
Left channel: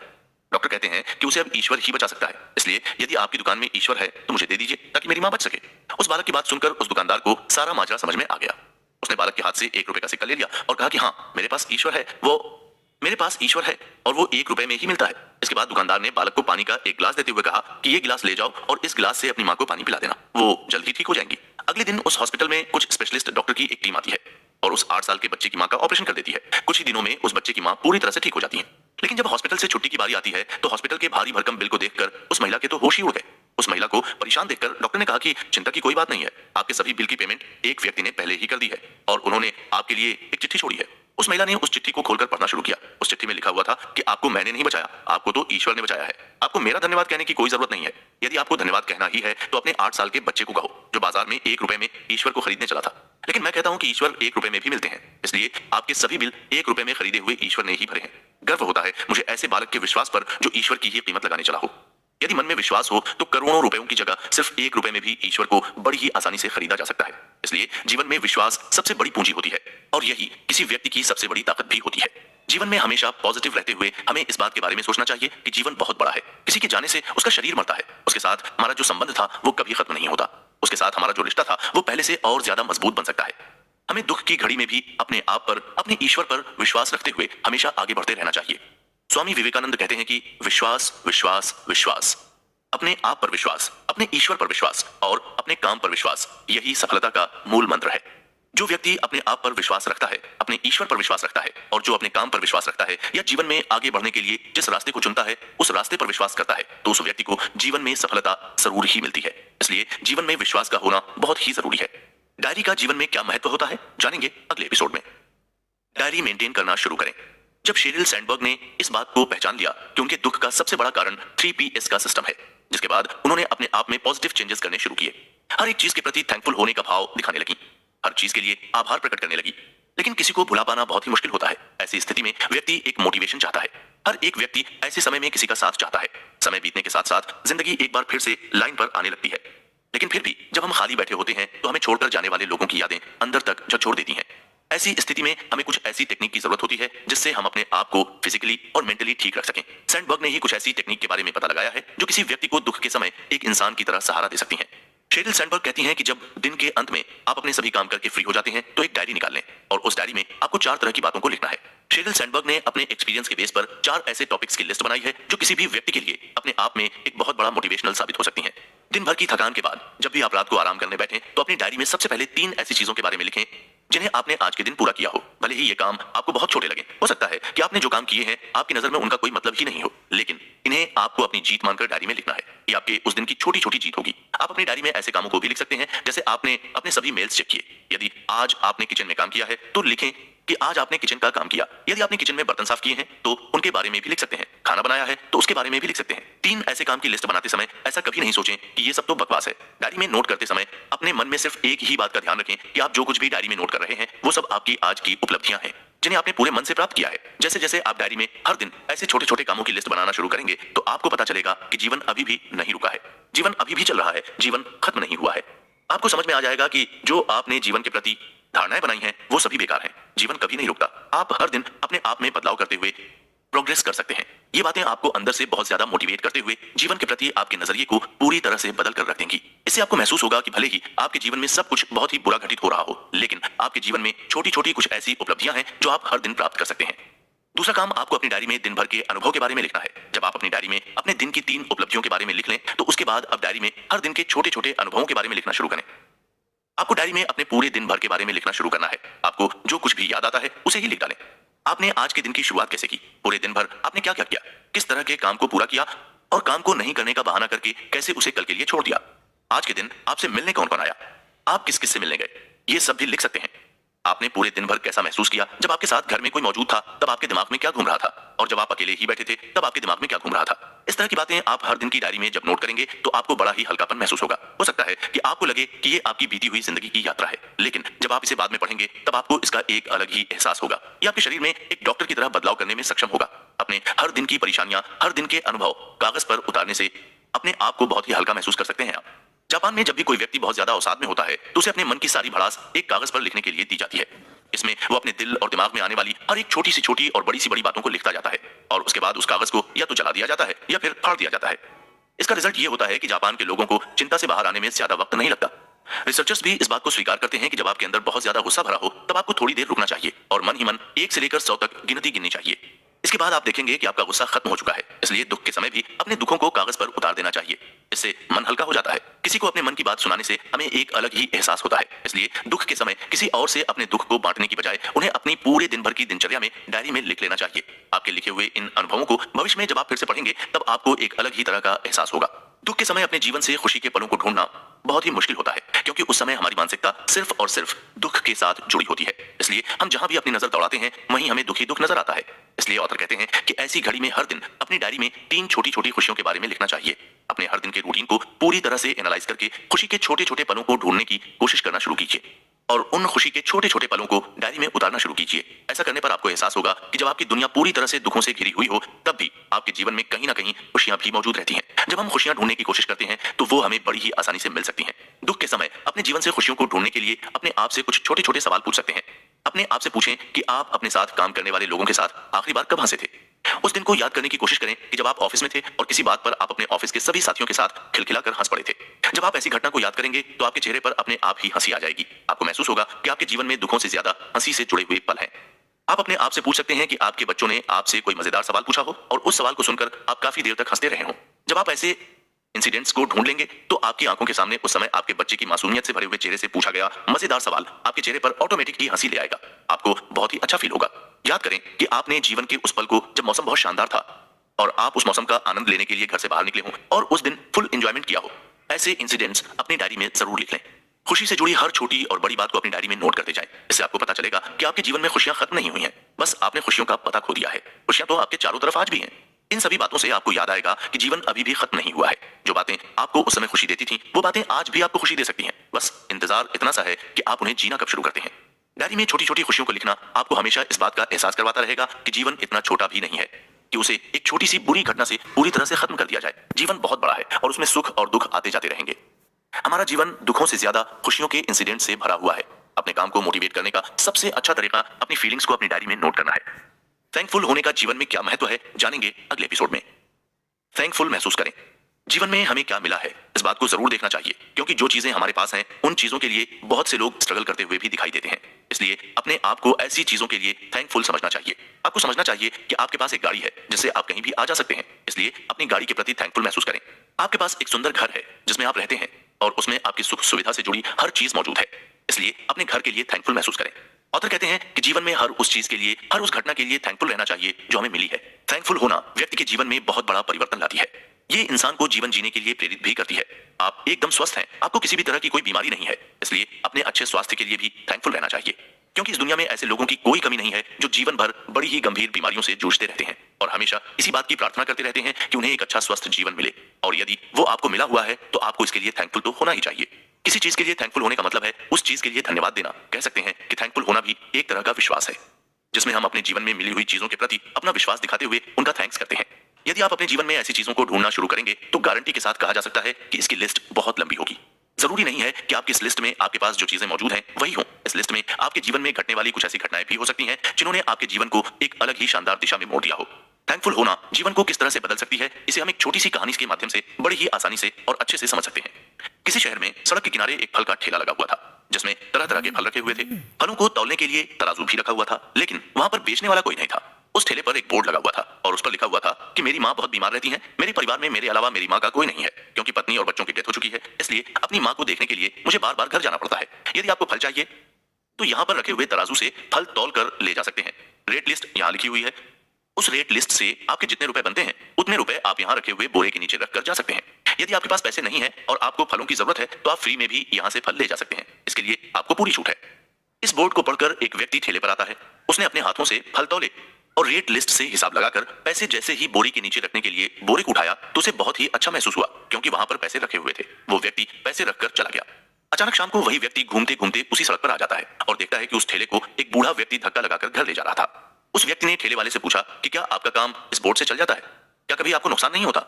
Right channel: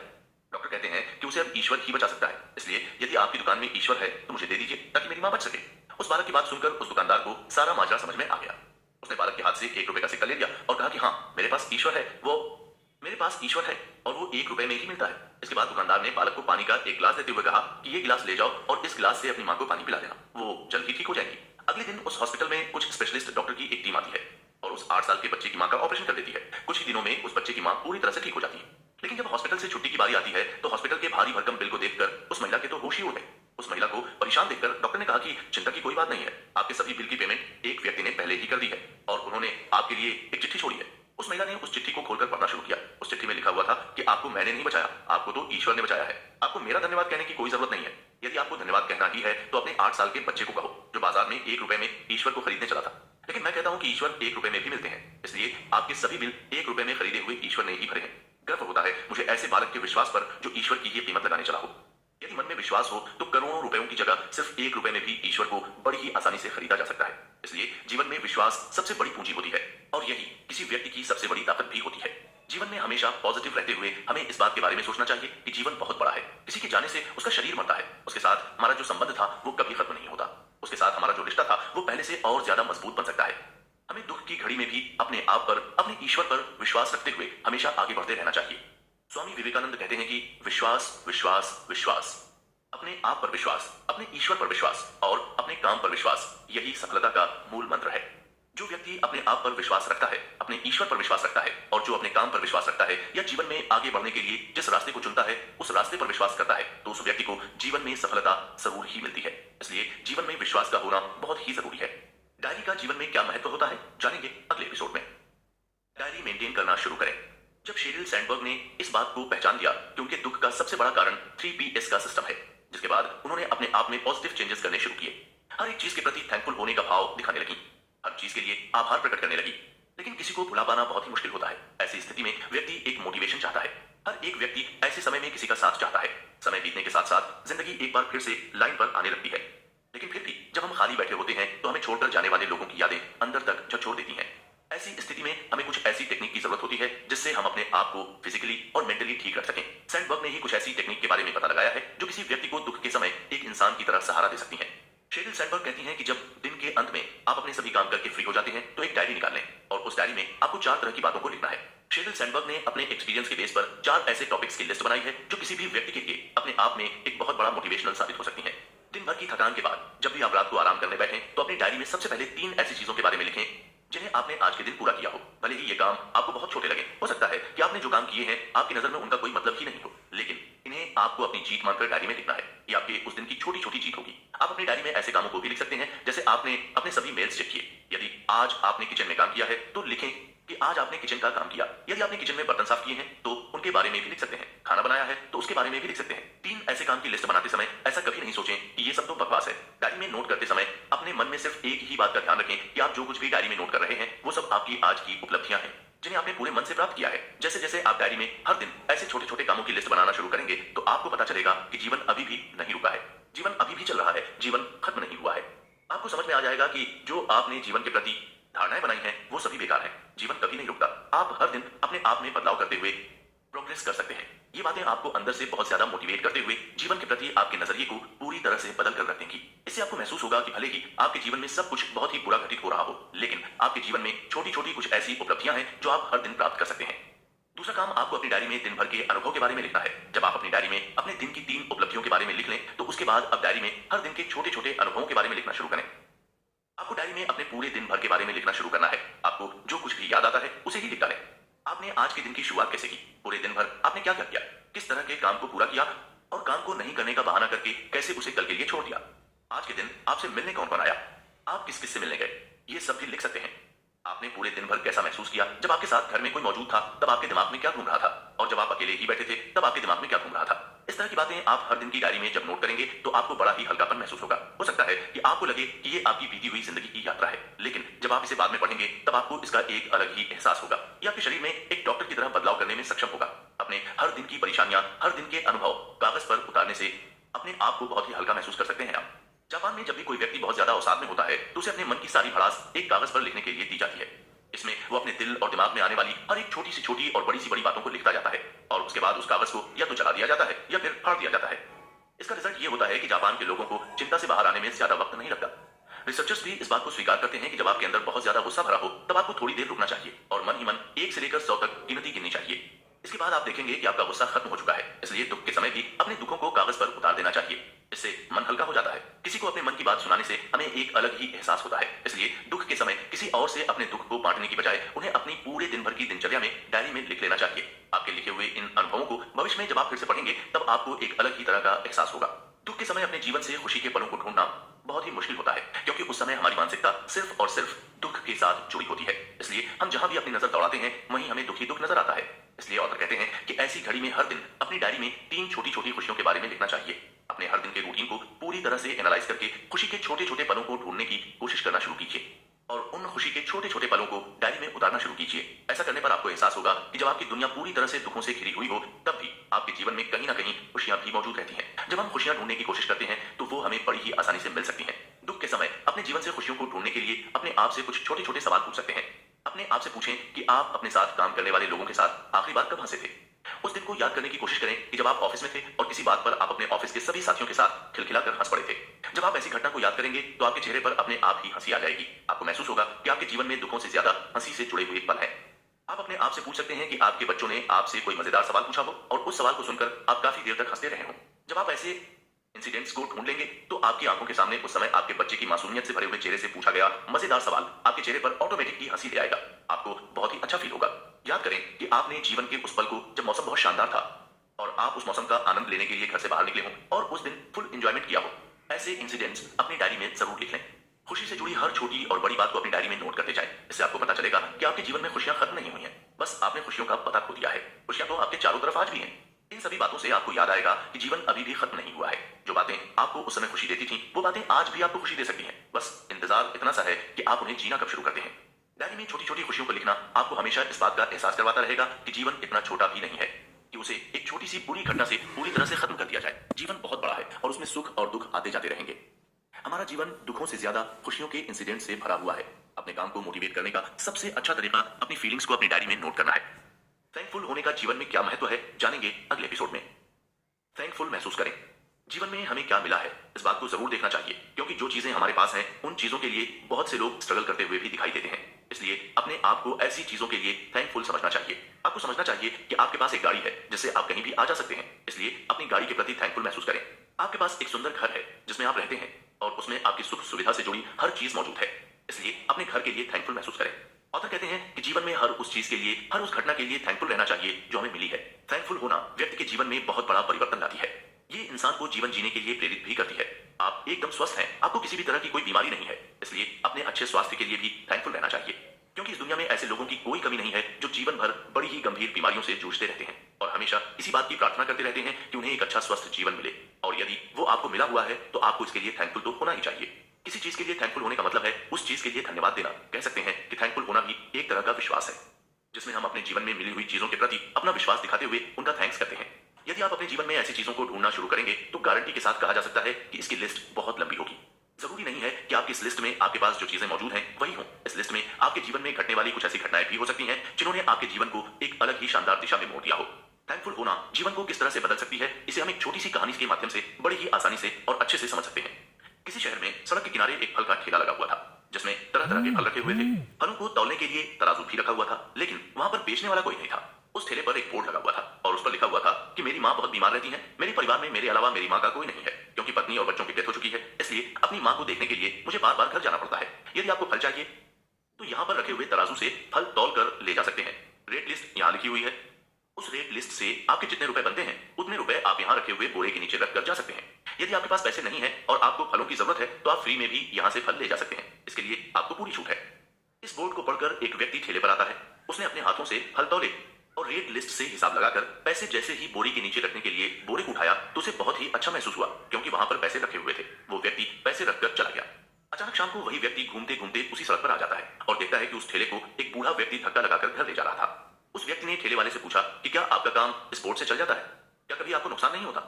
डॉक्टर कहते हैं कि उसे अब ईश्वर ही बचा सकता है, इसलिए यदि आपकी दुकान में ईश्वर है तो मुझे दे दीजिए ताकि मेरी माँ बच सके। उस बालक की बात सुनकर उस दुकानदार को सारा माजरा समझ में आ गया। उसने बालक के हाथ से 1 रुपए का सिक्का ले लिया और कहा कि हाँ, मेरे पास ईश्वर है, और वो 1 रुपए में ही मिलता है। इसके बाद दुकानदार ने बालक को पानी का एक गिलास देते हुए कहा कि ये गिलास ले जाओ और इस गिलास से अपनी माँ को पानी पिला देना, वो जल्दी ठीक हो जाएंगी। अगले दिन उस हॉस्पिटल में कुछ स्पेशलिस्ट डॉक्टर की एक टीम आती है और उस 8 साल के बच्चे की माँ का ऑपरेशन कर देती है। कुछ ही दिनों में उस बच्चे की माँ पूरी तरह से ठीक हो जाती है। लेकिन जब हॉस्पिटल से छुट्टी की बारी आती है तो हॉस्पिटल के भारी भरकम बिल को देखकर उस महिला के तो होश ही उड़ गए। उस महिला को परेशान देखकर डॉक्टर ने कहा कि चिंता की कोई बात नहीं है, आपके सभी बिल की पेमेंट एक व्यक्ति ने पहले ही कर दी है और उन्होंने आपके लिए एक चिट्ठी छोड़ी है। उस महिला ने उस चिट्ठी को खोलकर पढ़ना शुरू किया। उस चिट्ठी में लिखा हुआ था कि आपको मैंने नहीं बचाया, आपको तो ईश्वर ने बचाया है। आपको मेरा धन्यवाद कहने की कोई जरूरत नहीं है। यदि आपको धन्यवाद कहना ही है तो अपने 8 साल के बच्चे को कहो जो बाजार में 1 रुपए में ईश्वर को खरीदने चला था। लेकिन मैं कहता हूं कि ईश्वर 1 रुपए में भी मिलते हैं, इसलिए आपके सभी बिल 1 रुपए में खरीदे हुए ईश्वर ने ही भरे हैं। गर्व होता है मुझे ऐसे बालक के विश्वास पर जो ईश्वर की ही कीमत लगाने चला हो। यदि मन में विश्वास हो तो करोड़ों रुपयों की जगह सिर्फ 1 रुपए में भी ईश्वर को बड़ी ही आसानी से खरीदा जा सकता है। इसलिए जीवन में विश्वास सबसे बड़ी पूंजी होती है और यही किसी व्यक्ति की सबसे बड़ी ताकत भी होती है। जीवन में हमेशा पॉजिटिव रहते हुए हमें इस बात के बारे में सोचना चाहिए कि जीवन बहुत बड़ा है। किसी के जाने से उसका शरीर मरता है, उसके साथ हमारा जो संबंध था वो कभी खत्म नहीं होता। उसके साथ हमारा जो रिश्ता था वो पहले से और ज्यादा मजबूत बन सकता है। हमें दुख की घड़ी में भी अपने आप पर, अपने ईश्वर पर विश्वास रखते हुए हमेशा आगे बढ़ते रहना चाहिए। स्वामी विवेकानंद कहते हैं कि विश्वास, विश्वास, विश्वास। अपने आप पर विश्वास, अपने ईश्वर पर विश्वास और अपने काम पर विश्वास, यही सफलता का मूल मंत्र है। जो व्यक्ति अपने आप पर विश्वास रखता है, अपने ईश्वर पर विश्वास रखता है और जो अपने काम पर विश्वास रखता है या जीवन में आगे बढ़ने के लिए जिस रास्ते को चुनता है उस रास्ते पर विश्वास करता है तो उस व्यक्ति को जीवन में सफलता जरूर ही मिलती है। इसलिए जीवन में विश्वास का होना बहुत ही जरूरी है। डायरी का जीवन में क्या महत्व होता है जानेंगे अगले एपिसोड में। डायरी मेंटेन करना शुरू करें। जब शेरिल सैंडबर्ग ने इस बात को पहचान लिया कि उनके दुख का सबसे बड़ा कारण 3Ps का सिस्टम है, जिसके बाद उन्होंने अपने आप में पॉजिटिव चेंजेस करने शुरू किए। हर एक चीज के प्रति थैंकफुल होने का भाव दिखाने लगी, हर चीज के लिए आभार प्रकट करने लगी। लेकिन किसी को भुला पाना बहुत ही मुश्किल होता है। ऐसी स्थिति में व्यक्ति एक मोटिवेशन चाहता है। हर एक व्यक्ति ऐसे समय में किसी का साथ चाहता है। समय बीतने के साथ साथ जिंदगी एक बार फिर से लाइन पर आने लगती है। लेकिन फिर भी जब हम खाली बैठे होते हैं तो हमें छोड़कर जाने वाले लोगों की यादें अंदर तक झकझोर देती हैं। ऐसी स्थिति में हमें कुछ ऐसी टेक्निक की जरूरत होती है जिससे हम अपने आप को फिजिकली और मेंटली ठीक रख सकें। सैंडबर्ग ने ही कुछ ऐसी टेक्निक के बारे में पता लगाया है जो किसी व्यक्ति को दुख के समय एक इंसान की तरह सहारा दे सकती हैं। शेरिल सैंडबर्ग कहती हैं कि जब दिन के अंत में आप अपने सभी काम करके फ्री हो जाते हैं तो एक डायरी निकाल लें और उस डायरी में आपको 4 तरह की बातों को लिखना है। शेरिल सैंडबर्ग ने अपने एक्सपीरियंस के बेस पर 4 ऐसे टॉपिक्स की लिस्ट बनाई है जो किसी भी व्यक्ति के लिए अपने आप में एक बहुत बड़ा मोटिवेशनल साबित हो सकती हैं। दिन भर की थकान के बाद जब भी आप रात को आराम करने बैठें तो अपनी डायरी में सबसे पहले 3 ऐसी चीजों के बारे में लिखें जिन्हें आपने आज के दिन पूरा किया हो। भले ही ये काम आपको बहुत छोटे लगे, हो सकता है कि आपने जो काम किए हैं आपकी नजर में उनका कोई मतलब ही नहीं हो, लेकिन इन्हें आपको अपनी जीत मानकर डायरी में लिखना है। ये आपके उस दिन की छोटी छोटी जीत होगी। आप अपनी डायरी में ऐसे कामों को भी लिख सकते हैं जैसे आपने अपने सभी मेल्स चेक किए। यदि आज आपने किचन में काम किया है तो लिखें कि आज आपने किचन का काम किया। यदि आपने किचन में बर्तन साफ किए हैं तो उनके बारे में भी लिख सकते हैं। खाना बनाया है तो उसके बारे में भी लिख सकते हैं। 3 ऐसे काम की लिस्ट बनाते समय ऐसा कभी नहीं सोचें कि ये सब तो बकवास है। डायरी में नोट करते समय अपने मन में सिर्फ एक ही बात का ध्यान रखें कि आप जो कुछ भी डायरी में नोट कर रहे हैं वो सब आपकी आज की उपलब्धियां हैं जिन्हें आपने पूरे मन से प्राप्त किया है। जैसे जैसे आप डायरी में हर दिन ऐसे छोटे छोटे कामों की लिस्ट बनाना शुरू करेंगे तो आपको पता चलेगा कि जीवन अभी भी नहीं रुका है, जीवन अभी भी चल रहा है, जीवन खत्म नहीं हुआ है। आपको समझ में आ जाएगा कि जो आपने जीवन के प्रति धारणाएं बनाई हैं वो सभी बेकार हैं। जीवन कभी नहीं रुकता। आप हर दिन अपने आप में बदलाव करते हुए प्रोग्रेस कर सकते हैं। ये बातें आपको अंदर से बहुत ज्यादा मोटिवेट करते हुए जीवन के प्रति आपके नजरिए को पूरी तरह से बदल कर रख देंगी। इससे आपको महसूस होगा कि भले ही आपके जीवन में सब कुछ बहुत ही बुरा घटित हो रहा हो, लेकिन आपके जीवन में छोटी छोटी कुछ ऐसी उपलब्धियां हैं जो आप हर दिन प्राप्त कर सकते हैं। दूसरा काम, आपको अपनी डायरी में दिन भर के अनुभव के बारे में लिखना है। जब आप अपनी डायरी में अपने दिन की 3 उपलब्धियों के बारे में लिख लें तो उसके बाद अब डायरी में हर दिन के छोटे छोटे अनुभवों के बारे में लिखना शुरू करें। आपको डायरी में अपने पूरे दिन भर के बारे में लिखना शुरू करना है। आपको जो कुछ भी याद आता है उसे ही लिख डालें। आपने आज के दिन की शुरुआत कैसे की, पूरे दिन भर आपने क्या क्या किया, किस तरह के काम को पूरा किया और काम को नहीं करने का बहाना करके कैसे उसे कल के लिए छोड़ दिया। आज के दिन आपसे मिलने कौन कौन आया, आप किस किस से मिलने गए, ये सब भी लिख सकते हैं। आपने पूरे दिन भर कैसा महसूस किया, जब आपके साथ घर में कोई मौजूद था तब आपके दिमाग में क्या घूम रहा था, और जब आप अकेले ही बैठे थे तब आपके दिमाग में क्या घूम रहा था। इस तरह की बातें आप हर दिन की डायरी में जब नोट करेंगे तो आपको बड़ा ही हल्कापन महसूस होगा। हो सकता है कि आपको लगे कि ये आपकी बीती हुई जिंदगी की यात्रा है, लेकिन जब आप इसे बाद में पढ़ेंगे तब आपको इसका एक अलग ही एहसास होगा। ये आपके शरीर में एक डॉक्टर की तरह बदलाव करने में सक्षम होगा। अपने हर दिन की परेशानियां, हर दिन के अनुभव कागज पर उतारने से अपने आप को बहुत ही हल्का महसूस कर सकते हैं आप। जापान में जब भी कोई व्यक्ति बहुत ज्यादा अवसाद में होता है तो उसे अपने मन की सारी भड़ास एक कागज पर लिखने के लिए दी जाती है। इसमें वो अपने दिल और दिमाग में आने वाली हर एक छोटी सी छोटी और बड़ी सी बड़ी बातों को लिखता जाता है, और उसके बाद उस कागज को या तो जला दिया जाता है या फिर फाड़ दिया जाता है। इसका रिजल्ट ये होता है कि जापान के लोगों को चिंता से बाहर आने में ज्यादा वक्त नहीं लगता। रिसर्चर्स भी इस बात को स्वीकार करते हैं कि जब आपके अंदर बहुत ज्यादा गुस्सा भरा हो तब आपको थोड़ी देर रुकना चाहिए और मन ही मन 1 से लेकर 100 तक गिनती गिननी चाहिए। इसके बाद आप देखेंगे कि आपका गुस्सा खत्म हो चुका है। इसलिए दुख के समय भी अपने दुखों को कागज पर उतार देना चाहिए, इससे मन हल्का हो जाता है। किसी को अपने मन की बात सुनाने से हमें एक अलग ही एहसास होता है, इसलिए दुख के समय किसी और से अपने दुख को बांटने की बजाय उन्हें अपनी पूरे दिन भर की दिनचर्या में डायरी में लिख लेना चाहिए। आपके लिखे हुए इन अनुभवों को भविष्य में जब आप फिर से पढ़ेंगे तब आपको एक अलग ही तरह का एहसास होगा। दुख के समय अपने जीवन से खुशी के पलों को ढूंढना बहुत ही मुश्किल होता है, क्योंकि उस समय हमारी मानसिकता सिर्फ और सिर्फ दुख के साथ जुड़ी होती है। इसलिए हम जहां भी अपनी नजर दौड़ाते हैं वहीं हमें दुखी दुख नजर आता है। इसलिए ऑथर कहते हैं कि ऐसी घड़ी में हर दिन अपनी डायरी में 3 छोटी छोटी खुशियों के बारे में लिखना चाहिए। अपने हर दिन के रूटीन को पूरी तरह से एनालाइज करके खुशी के छोटे छोटे पलों को ढूंढने की कोशिश करना शुरू कीजिए और उन खुशी के छोटे छोटे पलों को डायरी में उतारना शुरू कीजिए। ऐसा करने पर आपको एहसास होगा कि जब आपकी दुनिया पूरी तरह से दुखों से घिरी हुई हो तब भी आपके जीवन में कहीं ना कहीं खुशियां भी मौजूद रहती हैं। जब हम खुशियां ढूंढने की कोशिश करते हैं तो वो हमें बड़ी ही आसानी से मिल सकती हैं। दुख के समय अपने जीवन से खुशियों को ढूंढने के लिए अपने आप से कुछ छोटे छोटे सवाल पूछ सकते हैं। अपने आप से पूछें कि आप अपने साथ काम करने वाले लोगों के साथ आखिरी बार कब हंसे थे। उस दिन को याद करने की कोशिश करें कि जब आप ऑफिस में थे और किसी बात पर आप अपने ऑफिस के सभी साथियों के साथ खिलखिलाकर हंस पड़े थे। जब आप ऐसी घटना को याद करेंगे तो आपके चेहरे पर अपने आप ही हंसी आ जाएगी। आपको महसूस होगा कि आपके जीवन में दुखों से ज्यादा हंसी से जुड़े हुए पल हैं। आप अपने आप से पूछ सकते हैं कि आपके बच्चों ने आपसे कोई मजेदार सवाल पूछा हो और उस सवाल को सुनकर आप काफी देर तक हंसते रहे हो। जब आप ऐसे इंसिडेंट्स को ढूंढ लेंगे तो आपकी आंखों के सामने उस समय आपके बच्चे की मासूमियत से भरे हुए चेहरे से पूछा गया मजेदार सवाल आपके चेहरे पर ऑटोमेटिक ही हंसी ले आएगा। आपको बहुत ही अच्छा फील होगा। याद करें कि आपने जीवन के उस पल को, जब मौसम बहुत शानदार था और आप उस मौसम का आनंद लेने के लिए घर से बाहर निकले हों और उस दिन फुल एंजॉयमेंट किया हो, ऐसे इंसिडेंट्स अपनी डायरी में जरूर लिख लें। खुशी से जुड़ी हर छोटी और बड़ी बात को अपनी डायरी में नोट करते जाएं। इससे आपको पता चलेगा कि आपके जीवन में खुशियां खत्म नहीं हुई हैं, बस आपने खुशियों का पता खो दिया है। खुशियां तो आपके चारों तरफ आज भी हैं। इन सभी बातों से आपको याद आएगा कि जीवन अभी भी खत्म नहीं हुआ है। जो बातें आपको उस समय खुशी देती थी वो बातें आज भी आपको खुशी दे सकती हैं। बस इंतजार इतना सा है कि आप उन्हें जीना कब शुरू करते हैं। डायरी में छोटी छोटी खुशियों को लिखना आपको हमेशा इस बात का एहसास करवाता रहेगा कि जीवन इतना छोटा भी नहीं है कि उसे एक छोटी सी बुरी घटना से पूरी तरह से खत्म कर दिया जाए। जीवन बहुत बड़ा है और उसमें सुख और दुख आते जाते रहेंगे। हमारा जीवन दुखों से ज्यादा खुशियों के इंसिडेंट से भरा हुआ है। अपने काम को मोटिवेट करने का सबसे अच्छा तरीका अपनी फीलिंग्स को अपनी डायरी में नोट करना है। थैंकफुल होने का जीवन में क्या महत्व है जानेंगे अगले एपिसोड में। थैंकफुल महसूस करें। जीवन में हमें क्या मिला है इस बात को जरूर देखना चाहिए, क्योंकि जो चीजें हमारे पास हैं उन चीजों के लिए बहुत से लोग स्ट्रगल करते हुए भी दिखाई देते हैं। इसलिए अपने आप को ऐसी चीजों के लिए थैंकफुल समझना चाहिए। आपको समझना चाहिए कि आपके पास एक गाड़ी है जिससे आप कहीं भी आ जा सकते हैं, इसलिए अपनी गाड़ी के प्रति थैंकफुल महसूस करें। आपके पास एक सुंदर घर है जिसमें आप रहते हैं और उसमें आपकी सुख सुविधा से जुड़ी हर चीज मौजूद है, इसलिए अपने घर के लिए थैंकफुल महसूस करें। ऑथर कहते हैं कि जीवन में हर उस चीज के लिए, हर उस घटना के लिए थैंकफुल रहना चाहिए जो हमें मिली है। थैंकफुल होना व्यक्ति के जीवन में बहुत बड़ा परिवर्तन लाती है। ये इंसान को जीवन जीने के लिए प्रेरित भी करती है। आप एकदम स्वस्थ हैं, आपको किसी भी तरह की कोई बीमारी नहीं है, इसलिए अपने अच्छे स्वास्थ्य के लिए भी थैंकफुल रहना चाहिए, क्योंकि इस दुनिया में ऐसे लोगों की कोई कमी नहीं है जो जीवन भर बड़ी ही गंभीर बीमारियों से जूझते रहते हैं और हमेशा इसी बात की प्रार्थना करते रहते हैं कि उन्हें एक अच्छा स्वस्थ जीवन मिले। और यदि वो आपको मिला हुआ है तो आपको इसके लिए थैंकफुल तो होना ही चाहिए। किसी चीज के लिए थैंकफुल होने का मतलब है उस चीज के लिए धन्यवाद देना। कह सकते हैं कि थैंकफुल होना भी एक तरह का विश्वास है, जिसमें हम अपने जीवन में मिली हुई चीजों के प्रति अपना विश्वास दिखाते हुए उनका थैंक्स करते हैं। यदि आप अपने जीवन में ऐसी चीजों को ढूंढना शुरू करेंगे तो गारंटी के साथ कहा जा सकता है कि इसकी लिस्ट बहुत लंबी होगी। जरूरी नहीं है कि आपकी इस लिस्ट में आपके पास जो चीजें मौजूद हैं वही हो। इस लिस्ट में आपके जीवन में घटने वाली कुछ ऐसी घटनाएं भी हो सकती हैं जिन्होंने आपके जीवन को एक अलग ही शानदार दिशा में मोड़ दिया हो। थैंकफुल होना जीवन को किस तरह से बदल सकती है, इसे हम एक छोटी सी कहानी के माध्यम से बड़े ही आसानी से और अच्छे से समझ सकते हैं। किसी शहर में सड़क के किनारे एक फल का ठेला लगा हुआ था जिसमें तरह तरह के फल रखे हुए थे। फलों को तौलने के लिए तराजू भी रखा हुआ था, लेकिन वहां पर बेचने वाला कोई नहीं था। उस ठेले पर एक बोर्ड लगा हुआ था और उस पर लिखा हुआ था कि मेरी माँ बहुत बीमार रहती है, मेरे परिवार में मेरे अलावा मेरी माँ का कोई नहीं है, क्योंकि पत्नी और बच्चों की डेथ हो चुकी है, इसलिए अपनी माँ को देखने के लिए मुझे बार बार घर जाना पड़ता है। यदि आपको फल चाहिए तो यहाँ पर रखे हुए तराजू से फल तौल कर ले जा सकते हैं। रेट लिस्ट यहाँ लिखी हुई है। उस रेट लिस्ट से आपके जितने रुपए बनते हैं उतने रुपए आप यहाँ रखे हुए बोरे के नीचे रखकर जा सकते हैं। यदि आपके पास पैसे नहीं है और आपको फलों की जरूरत है तो आप फ्री में भी यहाँ से फल ले जा सकते हैं। इसके लिए आपको पूरी छूट है। इस बोर्ड को पढ़कर एक व्यक्ति ठेले पर आता है। उसने अपने हाथों से फल तौले और रेट लिस्ट से हिसाब लगाकर पैसे जैसे ही बोरी के नीचे रखने के लिए बोरे को उठाया तो उसे बहुत ही अच्छा महसूस हुआ, क्योंकि वहां पर पैसे रखे हुए थे। वो व्यक्ति पैसे रखकर चला गया। अचानक शाम को वही व्यक्ति घूमते घूमते उसी सड़क पर आ जाता है और देखता है कि उस ठेले को एक बूढ़ा व्यक्ति धक्का लगाकर घर ले जा रहा था। उस व्यक्ति ने ठेले वाले से पूछा कि क्या आपका काम इस बोर्ड से चल जाता है, क्या कभी आपको नुकसान नहीं होता?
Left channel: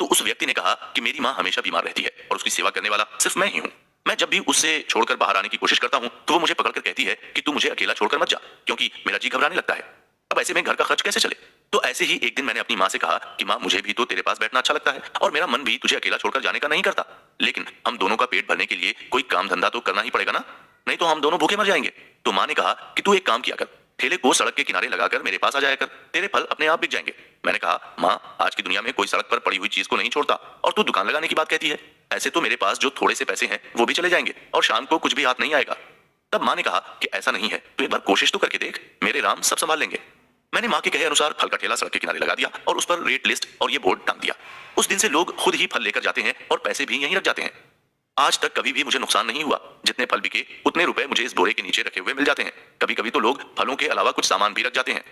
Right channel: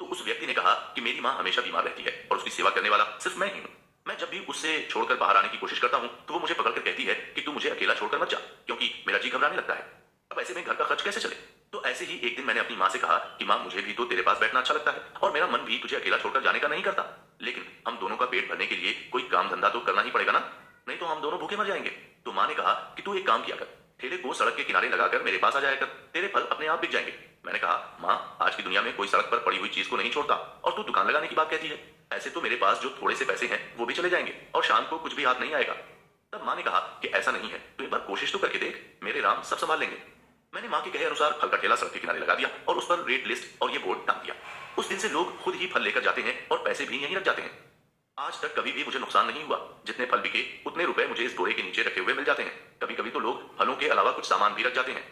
तो उस व्यक्ति ने कहा कि मेरी माँ हमेशा बीमार रहती है और उसकी सेवा करने वाला सिर्फ मैं ही हूँ। मैं जब भी उससे छोड़कर बाहर आने की कोशिश करता हूँ तो वो मुझे पकड़कर कहती है कि तू मुझे अकेला छोड़कर मत जा, क्योंकि मेरा जी घबराने लगता है। अब ऐसे में घर का खर्च कैसे चले? तो ऐसे ही एक दिन मैंने अपनी माँ से कहा कि माँ, मुझे भी तो तेरे पास बैठना अच्छा लगता है और मेरा मन भी तुझे अकेला छोड़कर जाने का नहीं करता, लेकिन हम दोनों का पेट भरने के लिए कोई काम धंधा तो करना ही पड़ेगा ना, नहीं तो हम दोनों भूखे मर जाएंगे। तो माँ ने कहा कि तू एक काम किया कर, ठेले को सड़क के किनारे लगाकर मेरे पास आ जाया कर, तेरे फल अपने आप बिक जाएंगे। मैंने कहा, माँ, आज की दुनिया में कोई सड़क पर पड़ी हुई चीज को नहीं छोड़ता और तू दुकान लगाने की बात कहती है। ऐसे तो मेरे पास जो थोड़े से पैसे हैं वो भी चले जाएंगे और शाम को कुछ भी हाथ नहीं आएगा। तब माँ ने कहा कि ऐसा नहीं है, तो एक बार कोशिश तो करके देख, मेरे राम सब संभाल लेंगे। मैंने माँ के कहे अनुसार फल का ठेला सड़क के किनारे लगा दिया और उस पर रेट लिस्ट और ये बोर्ड टांग दिया। उस दिन से लोग खुद ही फल लेकर जाते हैं और पैसे भी यहीं रख जाते हैं। आज तक कभी भी मुझे नुकसान नहीं हुआ। जितने फल बिके उतने रुपए मुझे इस बोरे के नीचे रखे हुए मिल जाते हैं। कभी कभी तो लोग फलों के अलावा कुछ सामान भी रख जाते हैं।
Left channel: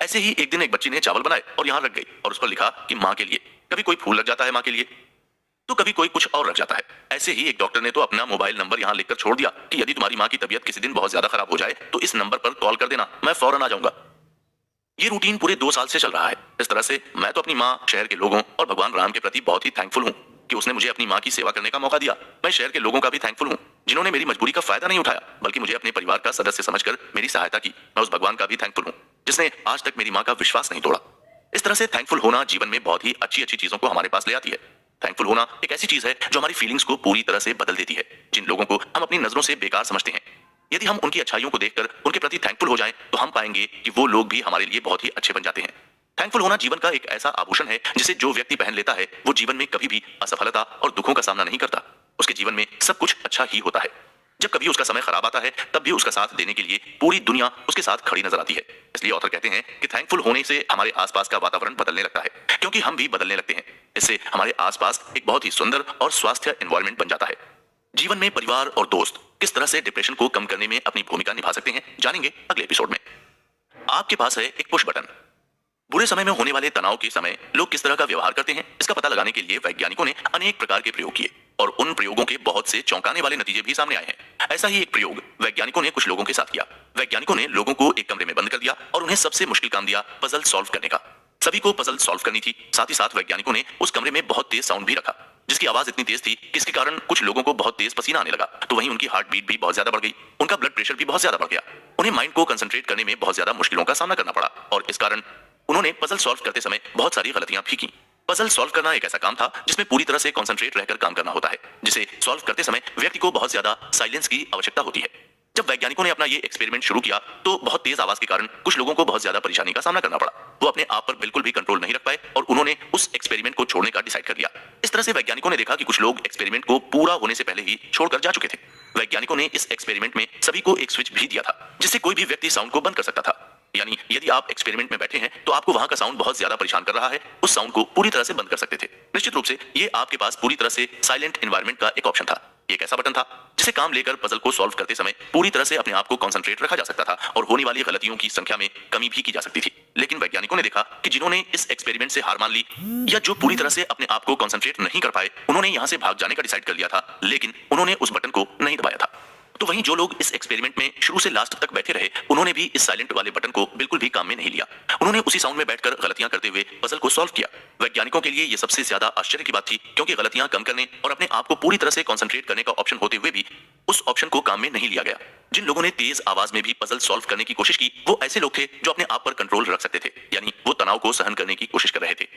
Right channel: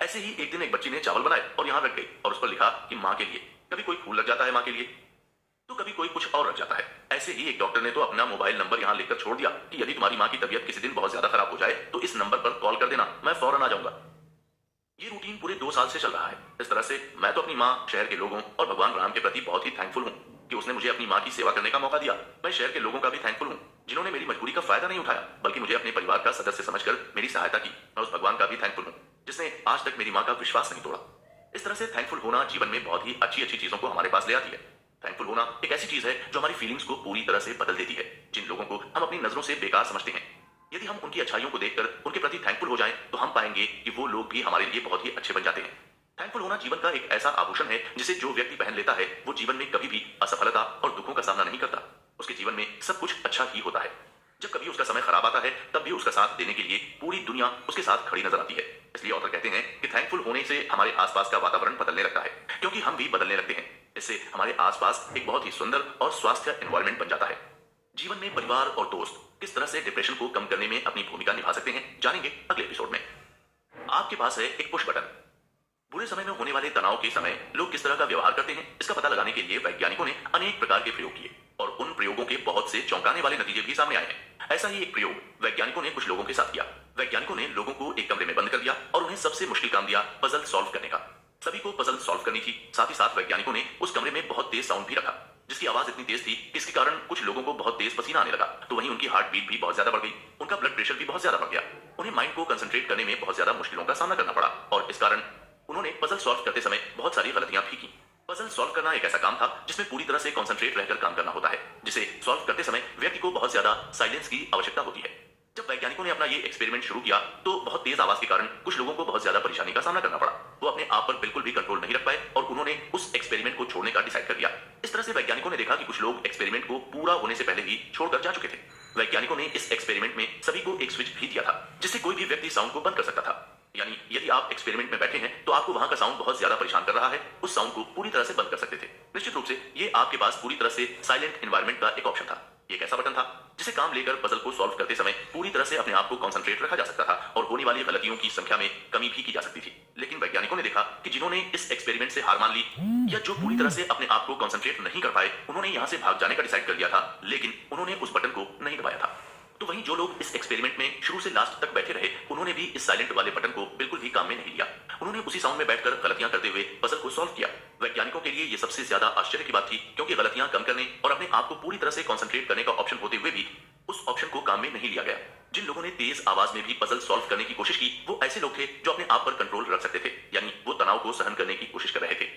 ऐसे ही एक दिन एक बच्ची ने चावल बनाए और यहाँ रख गई और उस पर लिखा कि माँ के लिए। कभी कोई फूल लग जाता है माँ के लिए, तो कभी कोई कुछ और रख जाता है। ऐसे ही एक डॉक्टर ने तो अपना मोबाइल नंबर यहाँ लिखकर छोड़ दिया कि यदि तुम्हारी माँ की तबीयत किसी दिन बहुत ज्यादा खराब हो जाए तो इस नंबर पर कॉल कर देना, मैं फौरन आ जाऊंगा। ये रूटीन पूरे 2 साल से चल रहा है। इस तरह से मैं तो अपनी माँ, शहर के लोगों और भगवान राम के प्रति बहुत ही थैंकफुल हूँ कि उसने मुझे अपनी माँ की सेवा करने का मौका दिया। मैं शहर के लोगों का भी थैंकफुल हूँ जिन्होंने मेरी मजबूरी का फायदा नहीं उठाया बल्कि मुझे अपने परिवार का सदस्य समझकर मेरी सहायता की। मैं उस भगवान का भी थैंकफुल हूँ जिसने आज तक मेरी माँ का विश्वास नहीं तोड़ा। इस तरह से थैंकफुल होना जीवन में बहुत ही अच्छी अच्छी चीजों को हमारे पास ले आती है। थैंकफुल होना एक ऐसी चीज है जो हमारी फीलिंग्स को पूरी तरह से बदल देती है। जिन लोगों को हम अपनी नजरों से बेकार समझते हैं, यदि हम उनकी अच्छाइयों को देखकर उनके प्रति थैंकफुल हो जाएं, तो हम पाएंगे कि वो लोग भी हमारे लिए बहुत ही अच्छे बन जाते हैं। थैंकफुल होना जीवन का एक ऐसा आभूषण है जिसे जो व्यक्ति पहन लेता है वो जीवन में कभी भी असफलता और दुखों का सामना नहीं करता। उसके जीवन में सब कुछ अच्छा ही होता है। जब कभी उसका समय खराब आता है तब भी उसका साथ देने के लिए पूरी दुनिया उसके साथ खड़ी नजर आती है। इसलिए ऑथर कहते हैं कि थैंकफुल होने से हमारे आसपास का वातावरण बदलने लगता है, क्योंकि हम भी बदलने लगते हैं। इससे हमारे आसपास एक बहुत ही सुंदर और स्वास्थ्य एनवायरनमेंट बन जाता है। जीवन में परिवार और दोस्त किस तरह से डिप्रेशन को कम करने में अपनी भूमिका निभा सकते हैं, जानेंगे अगले एपिसोड में। आपके पास है एक पुश बटन। बुरे समय में होने वाले तनाव के समय लोग किस तरह का व्यवहार करते हैं, इसका पता लगाने के लिए वैज्ञानिकों ने अनेक प्रकार के प्रयोग किए और उन प्रयोगों के बहुत से चौंकाने वाले नतीजे भी सामने आए हैं। ऐसा ही एक प्रयोग वैज्ञानिकों ने कुछ लोगों के साथ किया। वैज्ञानिकों ने लोगों को एक कमरे में बंद कर दिया और उन्हें सबसे मुश्किल काम दिया पजल सॉल्व करने का। सभी को पजल सॉल्व करनी थी। साथ ही साथ वैज्ञानिकों ने उस कमरे में बहुत तेज साउंड भी रखा, जिसकी आवाज इतनी तेज थी कि इसके कारण कुछ लोगों को बहुत तेज पसीना आने लगा, तो वहीं उनकी हार्ट बीट भी बहुत ज्यादा बढ़ गई, उनका ब्लड प्रेशर भी बहुत ज्यादा बढ़ गया। उन्हें माइंड को कंसंट्रेट करने में बहुत ज्यादा मुश्किलों का सामना करना पड़ा और इस कारण उन्होंने पजल सॉल्व करते समय बहुत सारी गलतियां भी की। पजल सॉल्व करना एक ऐसा काम था जिसमें पूरी तरह से कंसंट्रेट रहकर काम करना होता है, जिसे सॉल्व करते समय व्यक्ति को बहुत ज्यादा साइलेंस की आवश्यकता होती है। जब वैज्ञानिकों ने अपना ये एक्सपेरिमेंट शुरू किया तो बहुत तेज आवाज के कारण कुछ लोगों को बहुत ज्यादा परेशानी का सामना करना पड़ा। वो अपने आप पर बिल्कुल भी कंट्रोल नहीं रख पाए और उन्होंने उस एक्सपेरिमेंट को छोड़ने का डिसाइड कर लिया। इस तरह से वैज्ञानिकों ने देखा कि कुछ लोग एक्सपेरिमेंट को पूरा होने से पहले ही छोड़कर जा चुके थे। वैज्ञानिकों ने इस एक्सपेरिमेंट में सभी को एक स्विच भी दिया था जिससे कोई भी व्यक्ति साउंड को बंद कर सकता था। यानी यदि आप एक्सपेरिमेंट में बैठे हैं तो आपको वहां का साउंड बहुत ज्यादा परेशान कर रहा है, उस साउंड को पूरी तरह से बंद कर सकते थे। निश्चित रूप से ये आपके पास पूरी तरह से साइलेंट एनवायरनमेंट का एक ऑप्शन था। एक ऐसा बटन था जिसे काम लेकर पजल को सॉल्व करते समय पूरी तरह से अपने आप को कंसंट्रेट रखा जा सकता था और होने वाली गलतियों की संख्या में कमी भी की जा सकती थी। लेकिन वैज्ञानिकों ने देखा कि जिन्होंने इस एक्सपेरिमेंट से हार मान ली या जो पूरी तरह से अपने आप को कंसंट्रेट नहीं कर पाए, उन्होंने यहां से भाग जाने का डिसाइड कर लिया था, लेकिन उन्होंने उस बटन को नहीं दबाया था। तो वहीं जो लोग इस एक्सपेरिमेंट में शुरू से लास्ट तक बैठे रहे, उन्होंने भी इस साइलेंट वाले बटन को बिल्कुल भी काम में नहीं लिया। उन्होंने उसी साउंड में बैठकर गलतियां करते हुए पजल को सॉल्व किया। वैज्ञानिकों के लिए यह सबसे ज्यादा आश्चर्य की बात थी, क्योंकि गलतियां कम करने और अपने आप को पूरी तरह से कंसंट्रेट करने का ऑप्शन होते हुए भी उस ऑप्शन को काम में नहीं लिया गया। जिन लोगों ने तेज आवाज में भी पजल सॉल्व करने की कोशिश की, वो ऐसे लोग थे जो अपने आप पर कंट्रोल रख सकते थे, यानी वो तनाव को सहन करने की कोशिश कर रहे थे।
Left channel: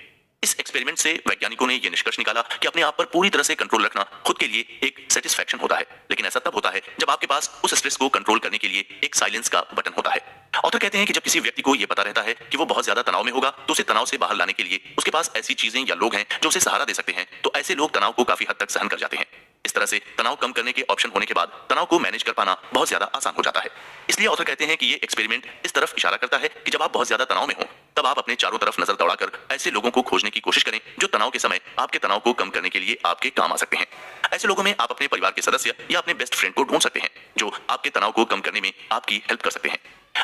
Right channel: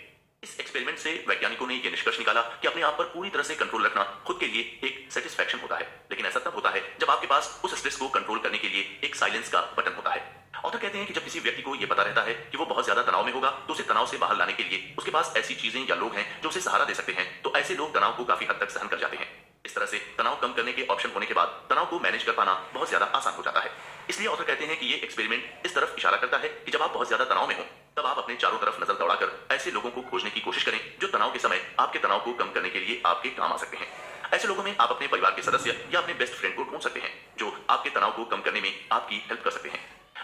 इस एक्सपेरिमेंट से वैज्ञानिकों ने यह निष्कर्ष निकाला कि अपने आप पर पूरी तरह से कंट्रोल रखना खुद के लिए एक सेटिस्फैक्शन होता है, लेकिन ऐसा तब होता है जब आपके पास उस स्ट्रेस को कंट्रोल करने के लिए एक साइलेंस का बटन होता है। ऑथर कहते हैं कि जब किसी व्यक्ति को यह पता रहता है कि वो बहुत ज्यादा तनाव में होगा, तो उसे तनाव से बाहर लाने के लिए उसके पास ऐसी चीजें या लोग हैं जो उसे सहारा दे सकते हैं, तो ऐसे लोग तनाव को काफी हद तक सहन कर जाते हैं। इस तरह से तनाव कम करने के ऑप्शन होने के बाद तनाव को मैनेज कर पाना बहुत ज्यादा आसान हो जाता है। इसलिए ऑथर कहते हैं कि ये एक्सपेरिमेंट इस तरफ इशारा करता है कि जब आप बहुत ज्यादा तनाव में हो तब आप अपने चारों तरफ नजर दौड़ाकर ऐसे लोगों को खोजने की कोशिश करें जो तनाव के समय आपके तनाव को कम करने के लिए आपके काम आ सकते हैं। ऐसे लोगों में आप अपने परिवार के सदस्य या अपने बेस्ट फ्रेंड को ढूंढ सकते हैं जो आपके तनाव को कम करने में आपकी हेल्प कर सकते हैं।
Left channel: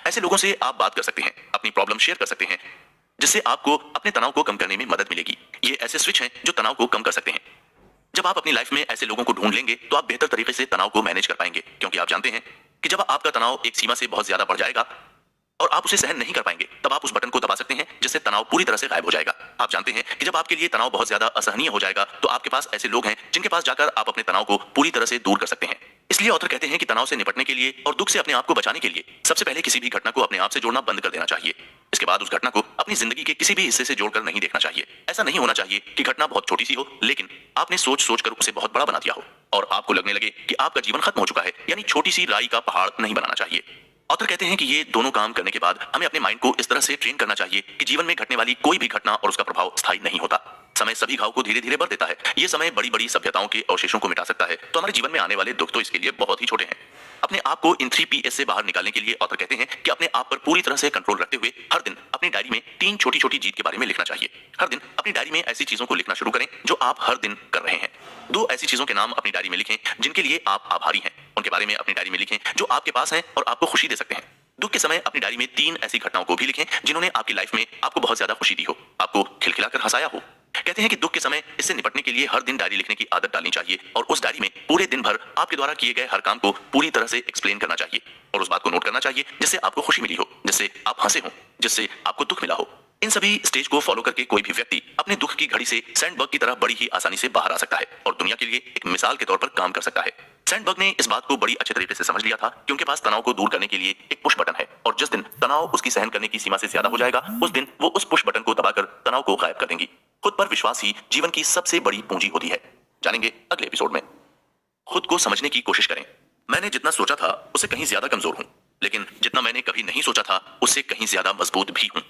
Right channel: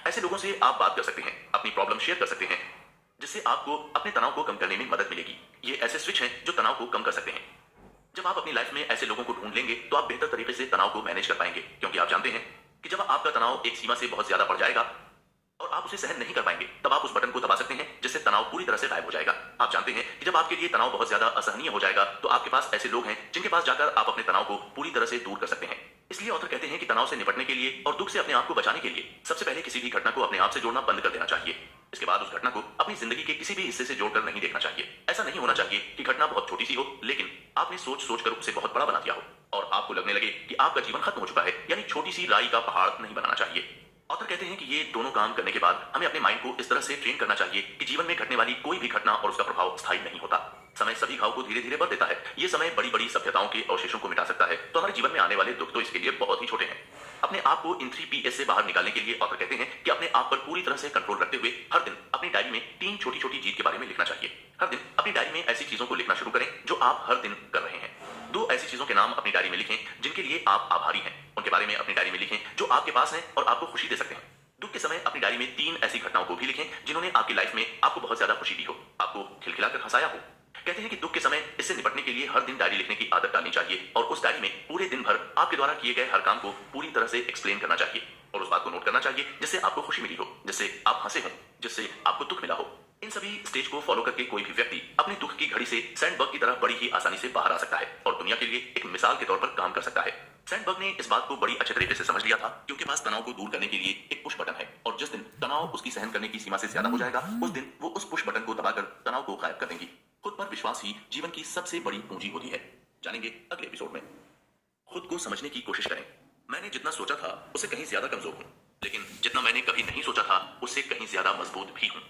ऐसे लोगों से आप बात कर सकते हैं, अपनी प्रॉब्लम शेयर कर सकते हैं, जिससे आपको अपने तनाव को कम करने में मदद मिलेगी। ये ऐसे स्विच हैं जो तनाव को कम कर सकते हैं। जब आप अपनी लाइफ में ऐसे लोगों को ढूंढ लेंगे तो आप बेहतर तरीके से तनाव को मैनेज कर पाएंगे, क्योंकि आप जानते हैं कि जब आपका तनाव एक सीमा से बहुत ज्यादा बढ़ जाएगा और आप उसे सहन नहीं कर पाएंगे तब आप उस बटन को दबा सकते हैं जिससे तनाव पूरी तरह से गायब हो जाएगा। आप जानते हैं कि जब आपके लिए तनाव बहुत ज्यादा असहनीय हो जाएगा तो आपके पास ऐसे लोग हैं जिनके पास जाकर आप अपने तनाव को पूरी तरह से दूर कर सकते हैं। इसलिए ऑथर कहते हैं कि तनाव से निपटने के लिए और दुख से अपने आप को बचाने के लिए सबसे पहले किसी भी घटना को अपने आप से जोड़ना बंद कर देना चाहिए। इसके बाद उस घटना को अपनी जिंदगी के किसी भी हिस्से से जोड़कर नहीं देखना चाहिए। ऐसा नहीं होना चाहिए कि घटना बहुत छोटी सी हो लेकिन आपने सोच सोचकर उसे बहुत बड़ा बना दिया हो और आपको लगने लगे कि आपका जीवन खत्म हो चुका है, यानी छोटी सी राई का पहाड़ नहीं बनाना चाहिए। ऑथर कहते हैं कि ये दोनों काम करने के बाद हमें अपने माइंड को इस तरह से ट्रेन करना चाहिए कि जीवन में घटने वाली कोई भी घटना और उसका प्रभाव स्थायी नहीं होता। समय सभी घाव को धीरे धीरे भर देता है। ये समय बड़ी बड़ी सभ्यताओं के अवशेषों को मिटा सकता है, तो हमारे जीवन में आने वाले दुख तो इसके लिए बहुत ही छोटे हैं। अपने आप को इन 3 Ps से बाहर निकालने के लिए ऑथर कहते हैं कि अपने आप पर पूरी तरह से कंट्रोल रखते हुए हर दिन अपनी डायरी में 3 छोटी छोटी जीत के बारे में लिखना चाहिए। हर दिन अपनी डायरी में ऐसी चीजों को लिखना शुरू करें जो आप हर दिन कर रहे हैं। 2 ऐसी चीजों के नाम अपनी डायरी में लिखें जिनके लिए आप आभारी हैं। उनके बारे में अपनी डायरी में लिखें जो आपके पास हैं और आपको खुशी दे सकते हैं। दुख के समय अपनी डायरी में 3 ऐसी घटनाओं को भी लिखें जिन्होंने आपकी लाइफ में आपको बहुत ज्यादा खुशी दी हो, आपको खिलखिलाकर हंसाया हो। कहते हैं कि दुख के समय इससे निपटने के लिए हर दिन डायरी लिखने की आदत डालनी चाहिए और उस डायरी में पूरे दिन भर आपके द्वारा किए गए हर काम को पूरी तरह से एक्सप्लेन करना चाहिए और उस बात को नोट करना चाहिए जिससे आपको खुशी मिली हो, जिससे आप हंसे हो, जिससे आपको दुख मिला हो। इन सभी स्टेज को फॉलो करके कोई भी व्यक्ति अपने दुख की घड़ी से सैंडबर्ग की तरह बड़ी ही आसानी से बाहर आ सकता है और दुनिया के लिए एक मिसाल के तौर पर काम कर सकता है। सैंडबर्ग ने इस बात को बड़ी अच्छे तरीके से समझ लिया था कि उनके पास तनाव को दूर करने के लिए एक पुश बटन है और जिस दिन तनाव उसकी सहन करने की सीमा से ज्यादा हो जाएगा उस दिन वो उस पुश बटन को दबाकर तनाव को गायब कर देंगी। खुद पर विश्वास ही जीवन की सबसे बड़ी पूंजी होती है। जानेंगे अगले एपिसोड में। खुद को समझने की कोशिश करें। मैंने जितना सोचा था उससे कहीं ज्यादा कमजोर हूं, लेकिन जितना मैंने कभी नहीं सोचा था उससे कहीं ज्यादा मजबूत भी हूं।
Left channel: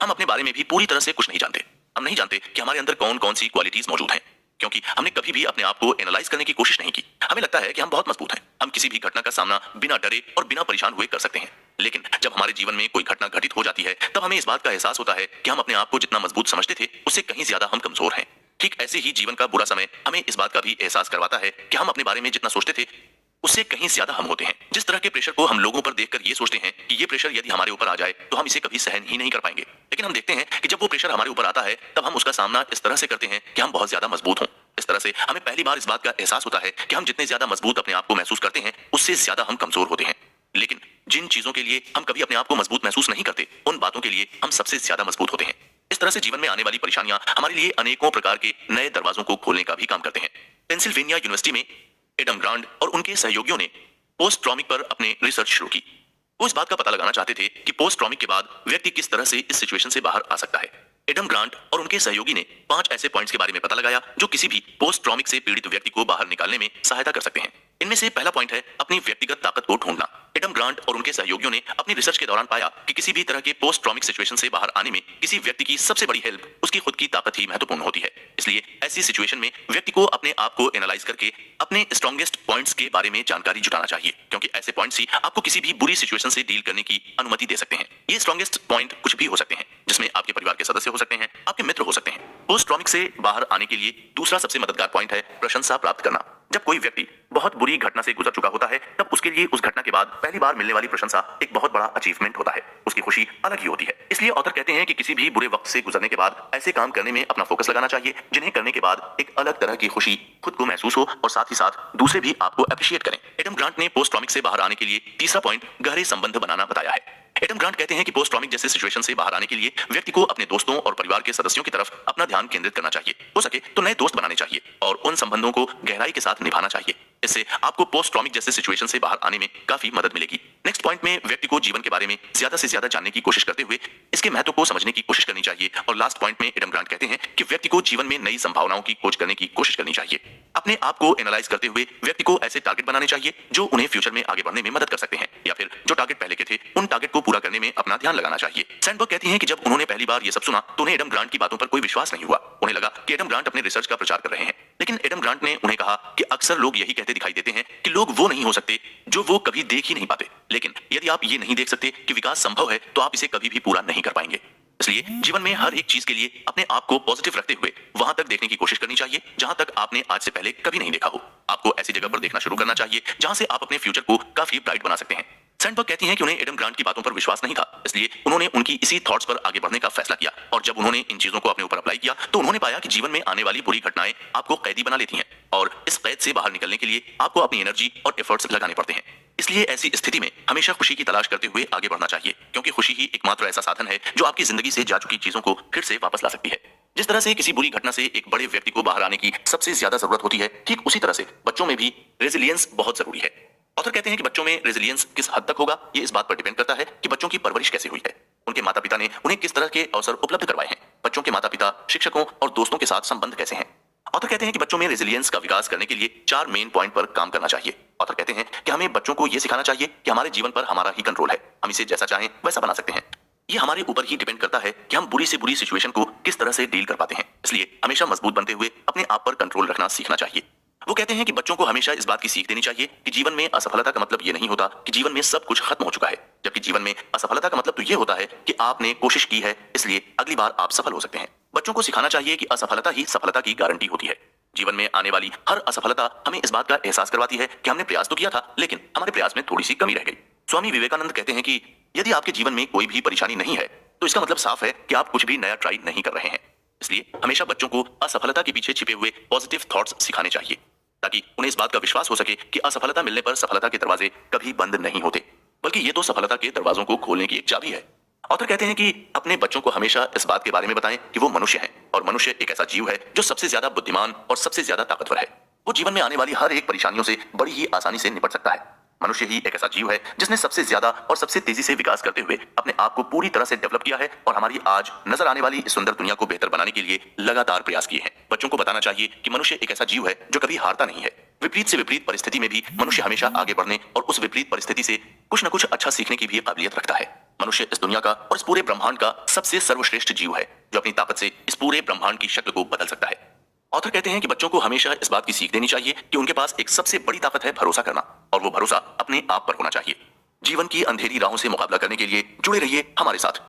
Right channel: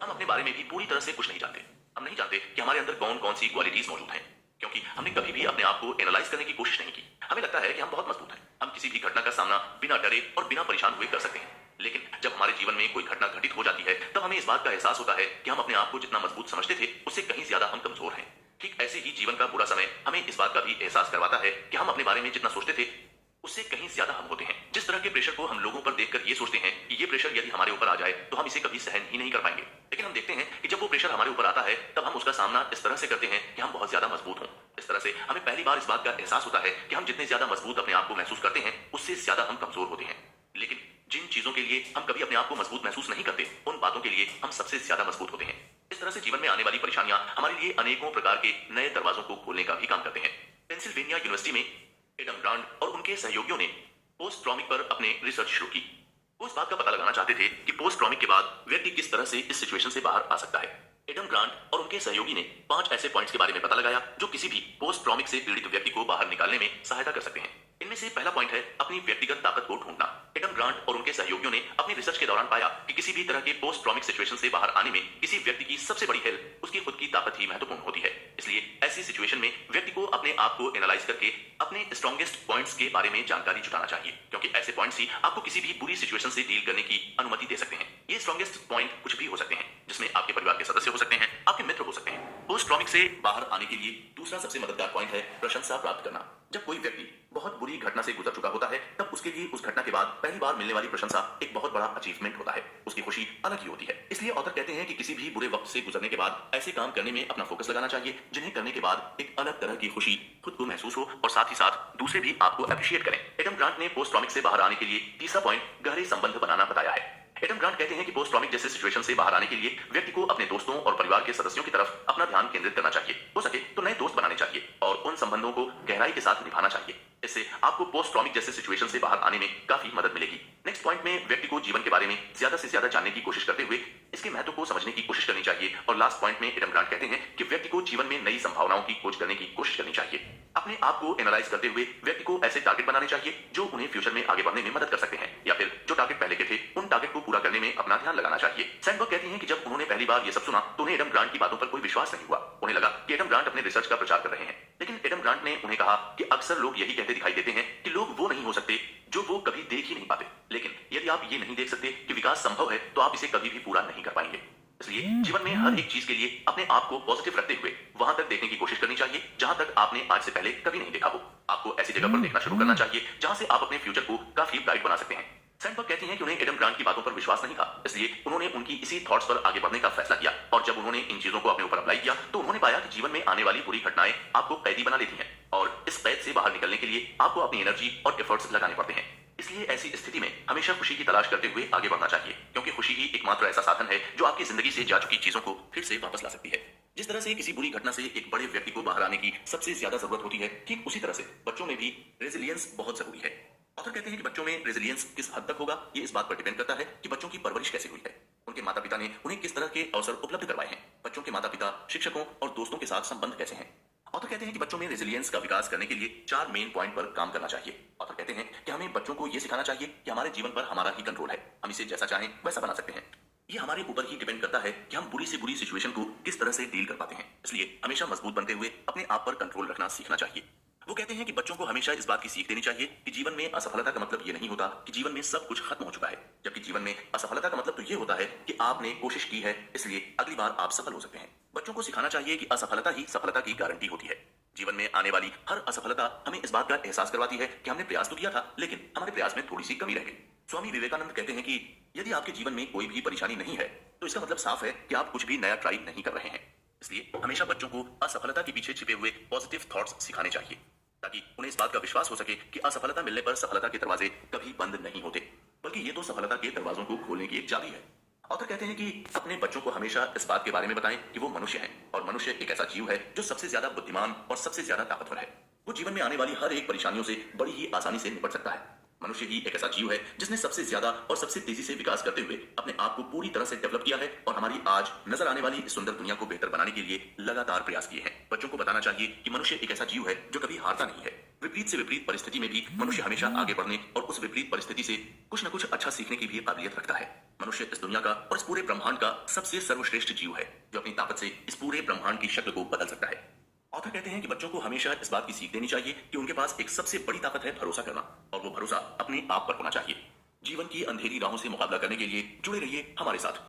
हम अपने बारे में भी पूरी तरह से कुछ नहीं जानते। हम नहीं जानते कि हमारे अंदर कौन कौन सी क्वालिटीज मौजूद हैं, क्योंकि हमने कभी भी अपने आप को एनालाइज करने की कोशिश नहीं की। हमें लगता है कि हम बहुत मजबूत हैं, हम किसी भी घटना का सामना बिना डरे और बिना परेशान हुए कर सकते हैं। लेकिन जब हमारे जीवन में कोई घटना घटित हो जाती है तब हमें इस बात का एहसास होता है कि हम अपने आप को जितना मजबूत समझते थे उससे कहीं ज्यादा हम कमजोर हैं। ठीक ऐसे ही जीवन का बुरा समय हमें इस बात का भी एहसास करवाता है कि हम अपने बारे में जितना सोचते थे उससे कहीं ज्यादा हम होते हैं। जिस तरह के प्रेशर को हम लोगों पर देखकर ये सोचते हैं कि ये प्रेशर यदि हमारे ऊपर आ जाए तो हम इसे कभी सहन ही नहीं कर पाएंगे, लेकिन हम देखते हैं कि जब वो प्रेशर हमारे ऊपर आता है तब हम उसका सामना इस तरह से करते हैं कि हम बहुत ज्यादा मजबूत हों। इस तरह से हमें पहली बार इस बात का एहसास होता है कि हम जितने ज्यादा मजबूत अपने आप को महसूस करते हैं उससे ज्यादा हम कमजोर होते हैं। लेकिन जिन चीजों के लिए हम कभी अपने आप को मजबूत महसूस नहीं करते उन बातों के लिए हम सबसे ज्यादा मजबूत होते हैं। इस तरह से जीवन में आने वाली परेशानियां हमारे लिए अनेकों प्रकार के नए दरवाजों को खोलने का भी काम करते हैं। पेंसिल्वेनिया यूनिवर्सिटी में एडम ग्रांट और उनके सहयोगियों ने पोस्ट ट्रॉमिक पर अपने रिसर्च शुरू की। वो इस बात का पता लगाना चाहते थे कि पोस्ट ट्रॉमिक के बाद व्यक्ति किस तरह से इस सिचुएशन से बाहर आ सकता है। एडम ग्रांट और उनके सहयोगी ने 5 ऐसे पॉइंट्स के बारे में पता लगाया जो किसी भी पोस्ट ट्रॉमिक से पीड़ित व्यक्ति को बाहर निकालने में सहायता कर सकते हैं। इनमें से पहला पॉइंट है अपनी व्यक्तिगत ताकत को ढूंढना। एडम ग्रांट और उनके सहयोगियों ने अपनी रिसर्च के दौरान पाया कि किसी भी तरह के पोस्ट ट्रॉमिक सिचुएशन से बाहर आने में किसी व्यक्ति की सबसे बड़ी हेल्प उसकी खुद की ताकत ही महत्वपूर्ण होती है। इसलिए ऐसी सिचुएशन में व्यक्ति को अपने आप को एनालाइज करके अपने स्ट्रॉन्गेस्ट पॉइंट्स के बारे में जानकारी जुटाना चाहिए, क्योंकि ऐसे पॉइंट्स ही आपको किसी भी बुरी सिचुएशन से डील करने की अनुमति दे सकते हैं। ये स्ट्रॉन्गेस्ट पॉइंट कुछ भी हो सकते हैं, जिसमें आपके परिवार के सदस्य हो सकते हैं, आपके मित्र हो सकते हैं। पोस्ट ट्रॉमिक से बाहर आने के लिए दूसरा सबसे मददगार पॉइंट है प्रशंसा प्राप्त करना। जब कोई व्यक्ति बहुत बुरी घटना से गुजर चुका होता है तब उसके लिए उस घटना के बाद पहली बार मिलने वाली प्रशंसा एक बहुत बड़ा अचीवमेंट होता है। उसकी खुशी अलग ही होती है। इसलिए ऑथर कहते हैं कि किसी भी बुरे वक्त से गुजरने के बाद ऐसे काम करने में अपना फोकस लगाना चाहिए जिन्हें करने के बाद एक अलग तरह की खुशी खुद को महसूस हो और साथ ही साथ दूसरे भी आपको अप्रिशिएट करें। एडम ग्रांट ने पोस्ट ट्रॉमिक से बाहर आने के लिए तीसरा पॉइंट गहरे संबंध बनाना बताया है। एडम ग्रांट कहते हैं कि पोस्ट ट्रॉमिक जैसे सिचुएशन से बाहर आने के लिए व्यक्ति को अपने दोस्तों और परिवार के सदस्यों की तरफ अपना ध्यान केंद्रित करना चाहिए। हो सके तो नए दोस्त बनाने चाहिए और उन संबंधों को गहराई के साथ निभाना चाहिए। इससे आपको पोस्ट ट्रॉमिक जैसे सिचुएशन से बाहर आने में काफी मदद मिलेगी। नेक्स्ट पॉइंट में व्यक्ति को जीवन के बारे में ज्यादा से ज्यादा जानने की कोशिश करते हुए इसके महत्व को समझने की कोशिश करनी चाहिए। और लास्ट पॉइंट में एडम ग्रांट कहते हैं कि व्यक्ति को जीवन में नई संभावनाओं की खोज करने की कोशिश करनी चाहिए। अपने आप को एनालाइज करते हुए व्यक्ति को ऐसे टारगेट बनाने चाहिए जो उन्हें फ्यूचर में आगे बढ़ने में मदद कर सकते हैं, या फिर जो टारगेट पहले के थे उन टारगेट को पूरा करने में अपना ध्यान लगाना चाहिए। सैंडबर्ग कहती हैं कि जब उन्होंने पहली बार ये सब सुना तो उन्हें एडम ग्रांट की बातों पर कोई विश्वास नहीं हुआ। उन्हें लगा कि एडम ग्रांट अपने रिसर्च का प्रचार कर रहे हैं, लेकिन एडम ग्रांट ने उन्हें कहा कि अक्सर लोग यही कहते दिखाई देते हैं कि लोग वो नहीं हो सकते जो वो कभी देख ही नहीं पाते, लेकिन यदि आप ये नहीं देख सकते कि विकास संभव है तो आप इसे कभी भी पूरा नहीं कर पाएंगे। इसलिए जीवन में हर एक चीज के लिए अपने आप को पॉजिटिव रखते हुए वहां तक देखने की कोशिश करनी चाहिए जहां तक आपने आज से पहले कभी नहीं देखा हो। आपको ऐसी जगह पर देखना शुरू करना चाहिए जहां से आप अपने फ्यूचर को काफी ब्राइट बना सकते हैं। सैंडबर्ग कहती हैं कि उन्हें एडम ग्रांट की बातों पर विश्वास नहीं था, इसलिए उन्होंने उनकी इसी थॉट्स पर आगे बढ़ने का फैसला किया। और जब उन्होंने इन चीजों को अपने ऊपर अप्लाई किया तो उन्होंने पाया कि जीवन में आने वाली बुरी घटनाएं आपको कैदी बना लेती हैं और इस कैद से बाहर निकलने के लिए आपको अपनी एनर्जी और एफर्ट्स लगाने पड़ते हैं। इसलिए ऐसी स्थिति में हमेशा खुशी की तलाश करते हुए आगे बढ़ना चाहिए, क्योंकि खुशी ही एकमात्र ऐसा साधन है जो आपकी जिंदगी से जा चुकी चीजों को फिर से वापस ला सकती है। जिस तरह से किसी बुरी घटना से एक बड़े व्यक्ति को बाहर आने की सबसे ज्यादा जरूरत होती है, ठीक उसी तरह से बच्चों में भी रेजिलियंस बहुत जरूरी है। ऑथर कहते हैं कि बच्चों में रेजिलियंस किस हद तक होगा ये इस बात पर डिपेंड करता है कि बच्चों की परवरिश कैसे हुई है, उनके माता पिता ने उन्हें किस तरह के अवसर उपलब्ध करवाए हैं, बच्चों के माता पिता, शिक्षकों और दोस्तों के साथ संबंध कैसे हैं। ऑथर कहते हैं कि बच्चों में रेजिलियंस का विकास करने के लिए 4 मेन पॉइंट पर काम करना चाहिए। ऑथर कहते हैं कि हमें बच्चों को यह सिखाना चाहिए कि हमारे जीवन पर हमारा ही कंट्रोल है, हम इसे जैसा चाहें वैसा बना सकते हैं। ये हमारे ऊपर ही डिपेंड करता है कि हम बुरी से बुरी सिचुएशन को किस तरह से डील कर पाते हैं। इसलिए हमेशा मजबूत बनते हुए अपने आप पर कंट्रोल रखना सीखना चाहिए। वो कहते हैं कि बच्चों को हमेशा इस बात की सीख देनी चाहिए कि जीवन में असफलता का मतलब ये नहीं होता कि जीवन में सब कुछ खत्म हो चुका है, जबकि जीवन में असफलता का मतलब तो ये होता है कि आपने कोशिश की है, इसलिए अगली बार आप सफल हो सकते हैं। बच्चों को सिखाना चाहिए कि असफलता ही सफलता की गारंटी होती है। जीवन में आने वाली हर असफलता हमें इस बात का एहसास करवाती है कि हमने प्रयास तो किया था, लेकिन हमारे प्रयास में थोड़ी सी कमी रह गई। स्वामी विवेकानंद कहते हैं कि यदि आपके जीवन में कोई भी परेशानी नहीं है तो इसका मतलब साफ है कि आप कुछ भी नया ट्राई नहीं कर रहे हैं। इसलिए हमेशा बच्चों को असफलता के पीछे छिपे हुए पॉजिटिव थॉट्स सिखाने चाहिए, ताकि उन्हें इस बात का विश्वास हो सके कि असफलता मिलने पर सफलता के दरवाजे कभी बंद नहीं होते, बल्कि ये तो सफलता के दरवाजों को खोलने की एक चाबी है। ऑथर कहते हैं कि अपने बच्चों को हमेशा इस बात के बारे में बताएं कि वो मनुष्य हैं और मनुष्य एक ऐसा जीव है जो सबसे ज्यादा बुद्धिमान और सबसे ज्यादा ताकतवर है। वो जीवन में आने वाली हर एक परेशानियों से बड़ी ही आसानी से निपट सकता है। मनुष्य ही एक ऐसा जीव है जिसने सबसे ज्यादा और सबसे तेजी से विकास करते हुए अपने आप को पूरी तरह से डेवलप किया है और हमारी आज नजर आने वाली इस सुंदर दुनिया को बेहतर बनाने के लिए लगातार प्रयास किए हैं। बच्चों को बताना चाहिए कि मनुष्य एक ऐसा जीव है जो कभी हारता नहीं है। विपरीत से विपरीत परिस्थिति में भी मनुष्य हमेशा आगे बढ़ने और उस विपरीत परिस्थिति से कुछ न कुछ अच्छा सीखने की भी काबिलियत रखता है। मनुष्य इस दुनिया का और इस पूरे ब्रह्मांड का सबसे सर्वश्रेष्ठ जीव है जो अपनी ताकत से इस पूरे ब्रह्मांड की शक्ल को बदल सकता है। ऑथर कहते हैं कि बच्चों को हमेशा इस बात की सीख देनी चाहिए कि उनके पास एक सबसे बड़ी ताकत है भरोसा करना, और वो भरोसा अपने आप पर होना चाहिए। जीवन की अंधेरी राहों से मुकाबला करने के लिए जुड़े रहिए हमारे साथ।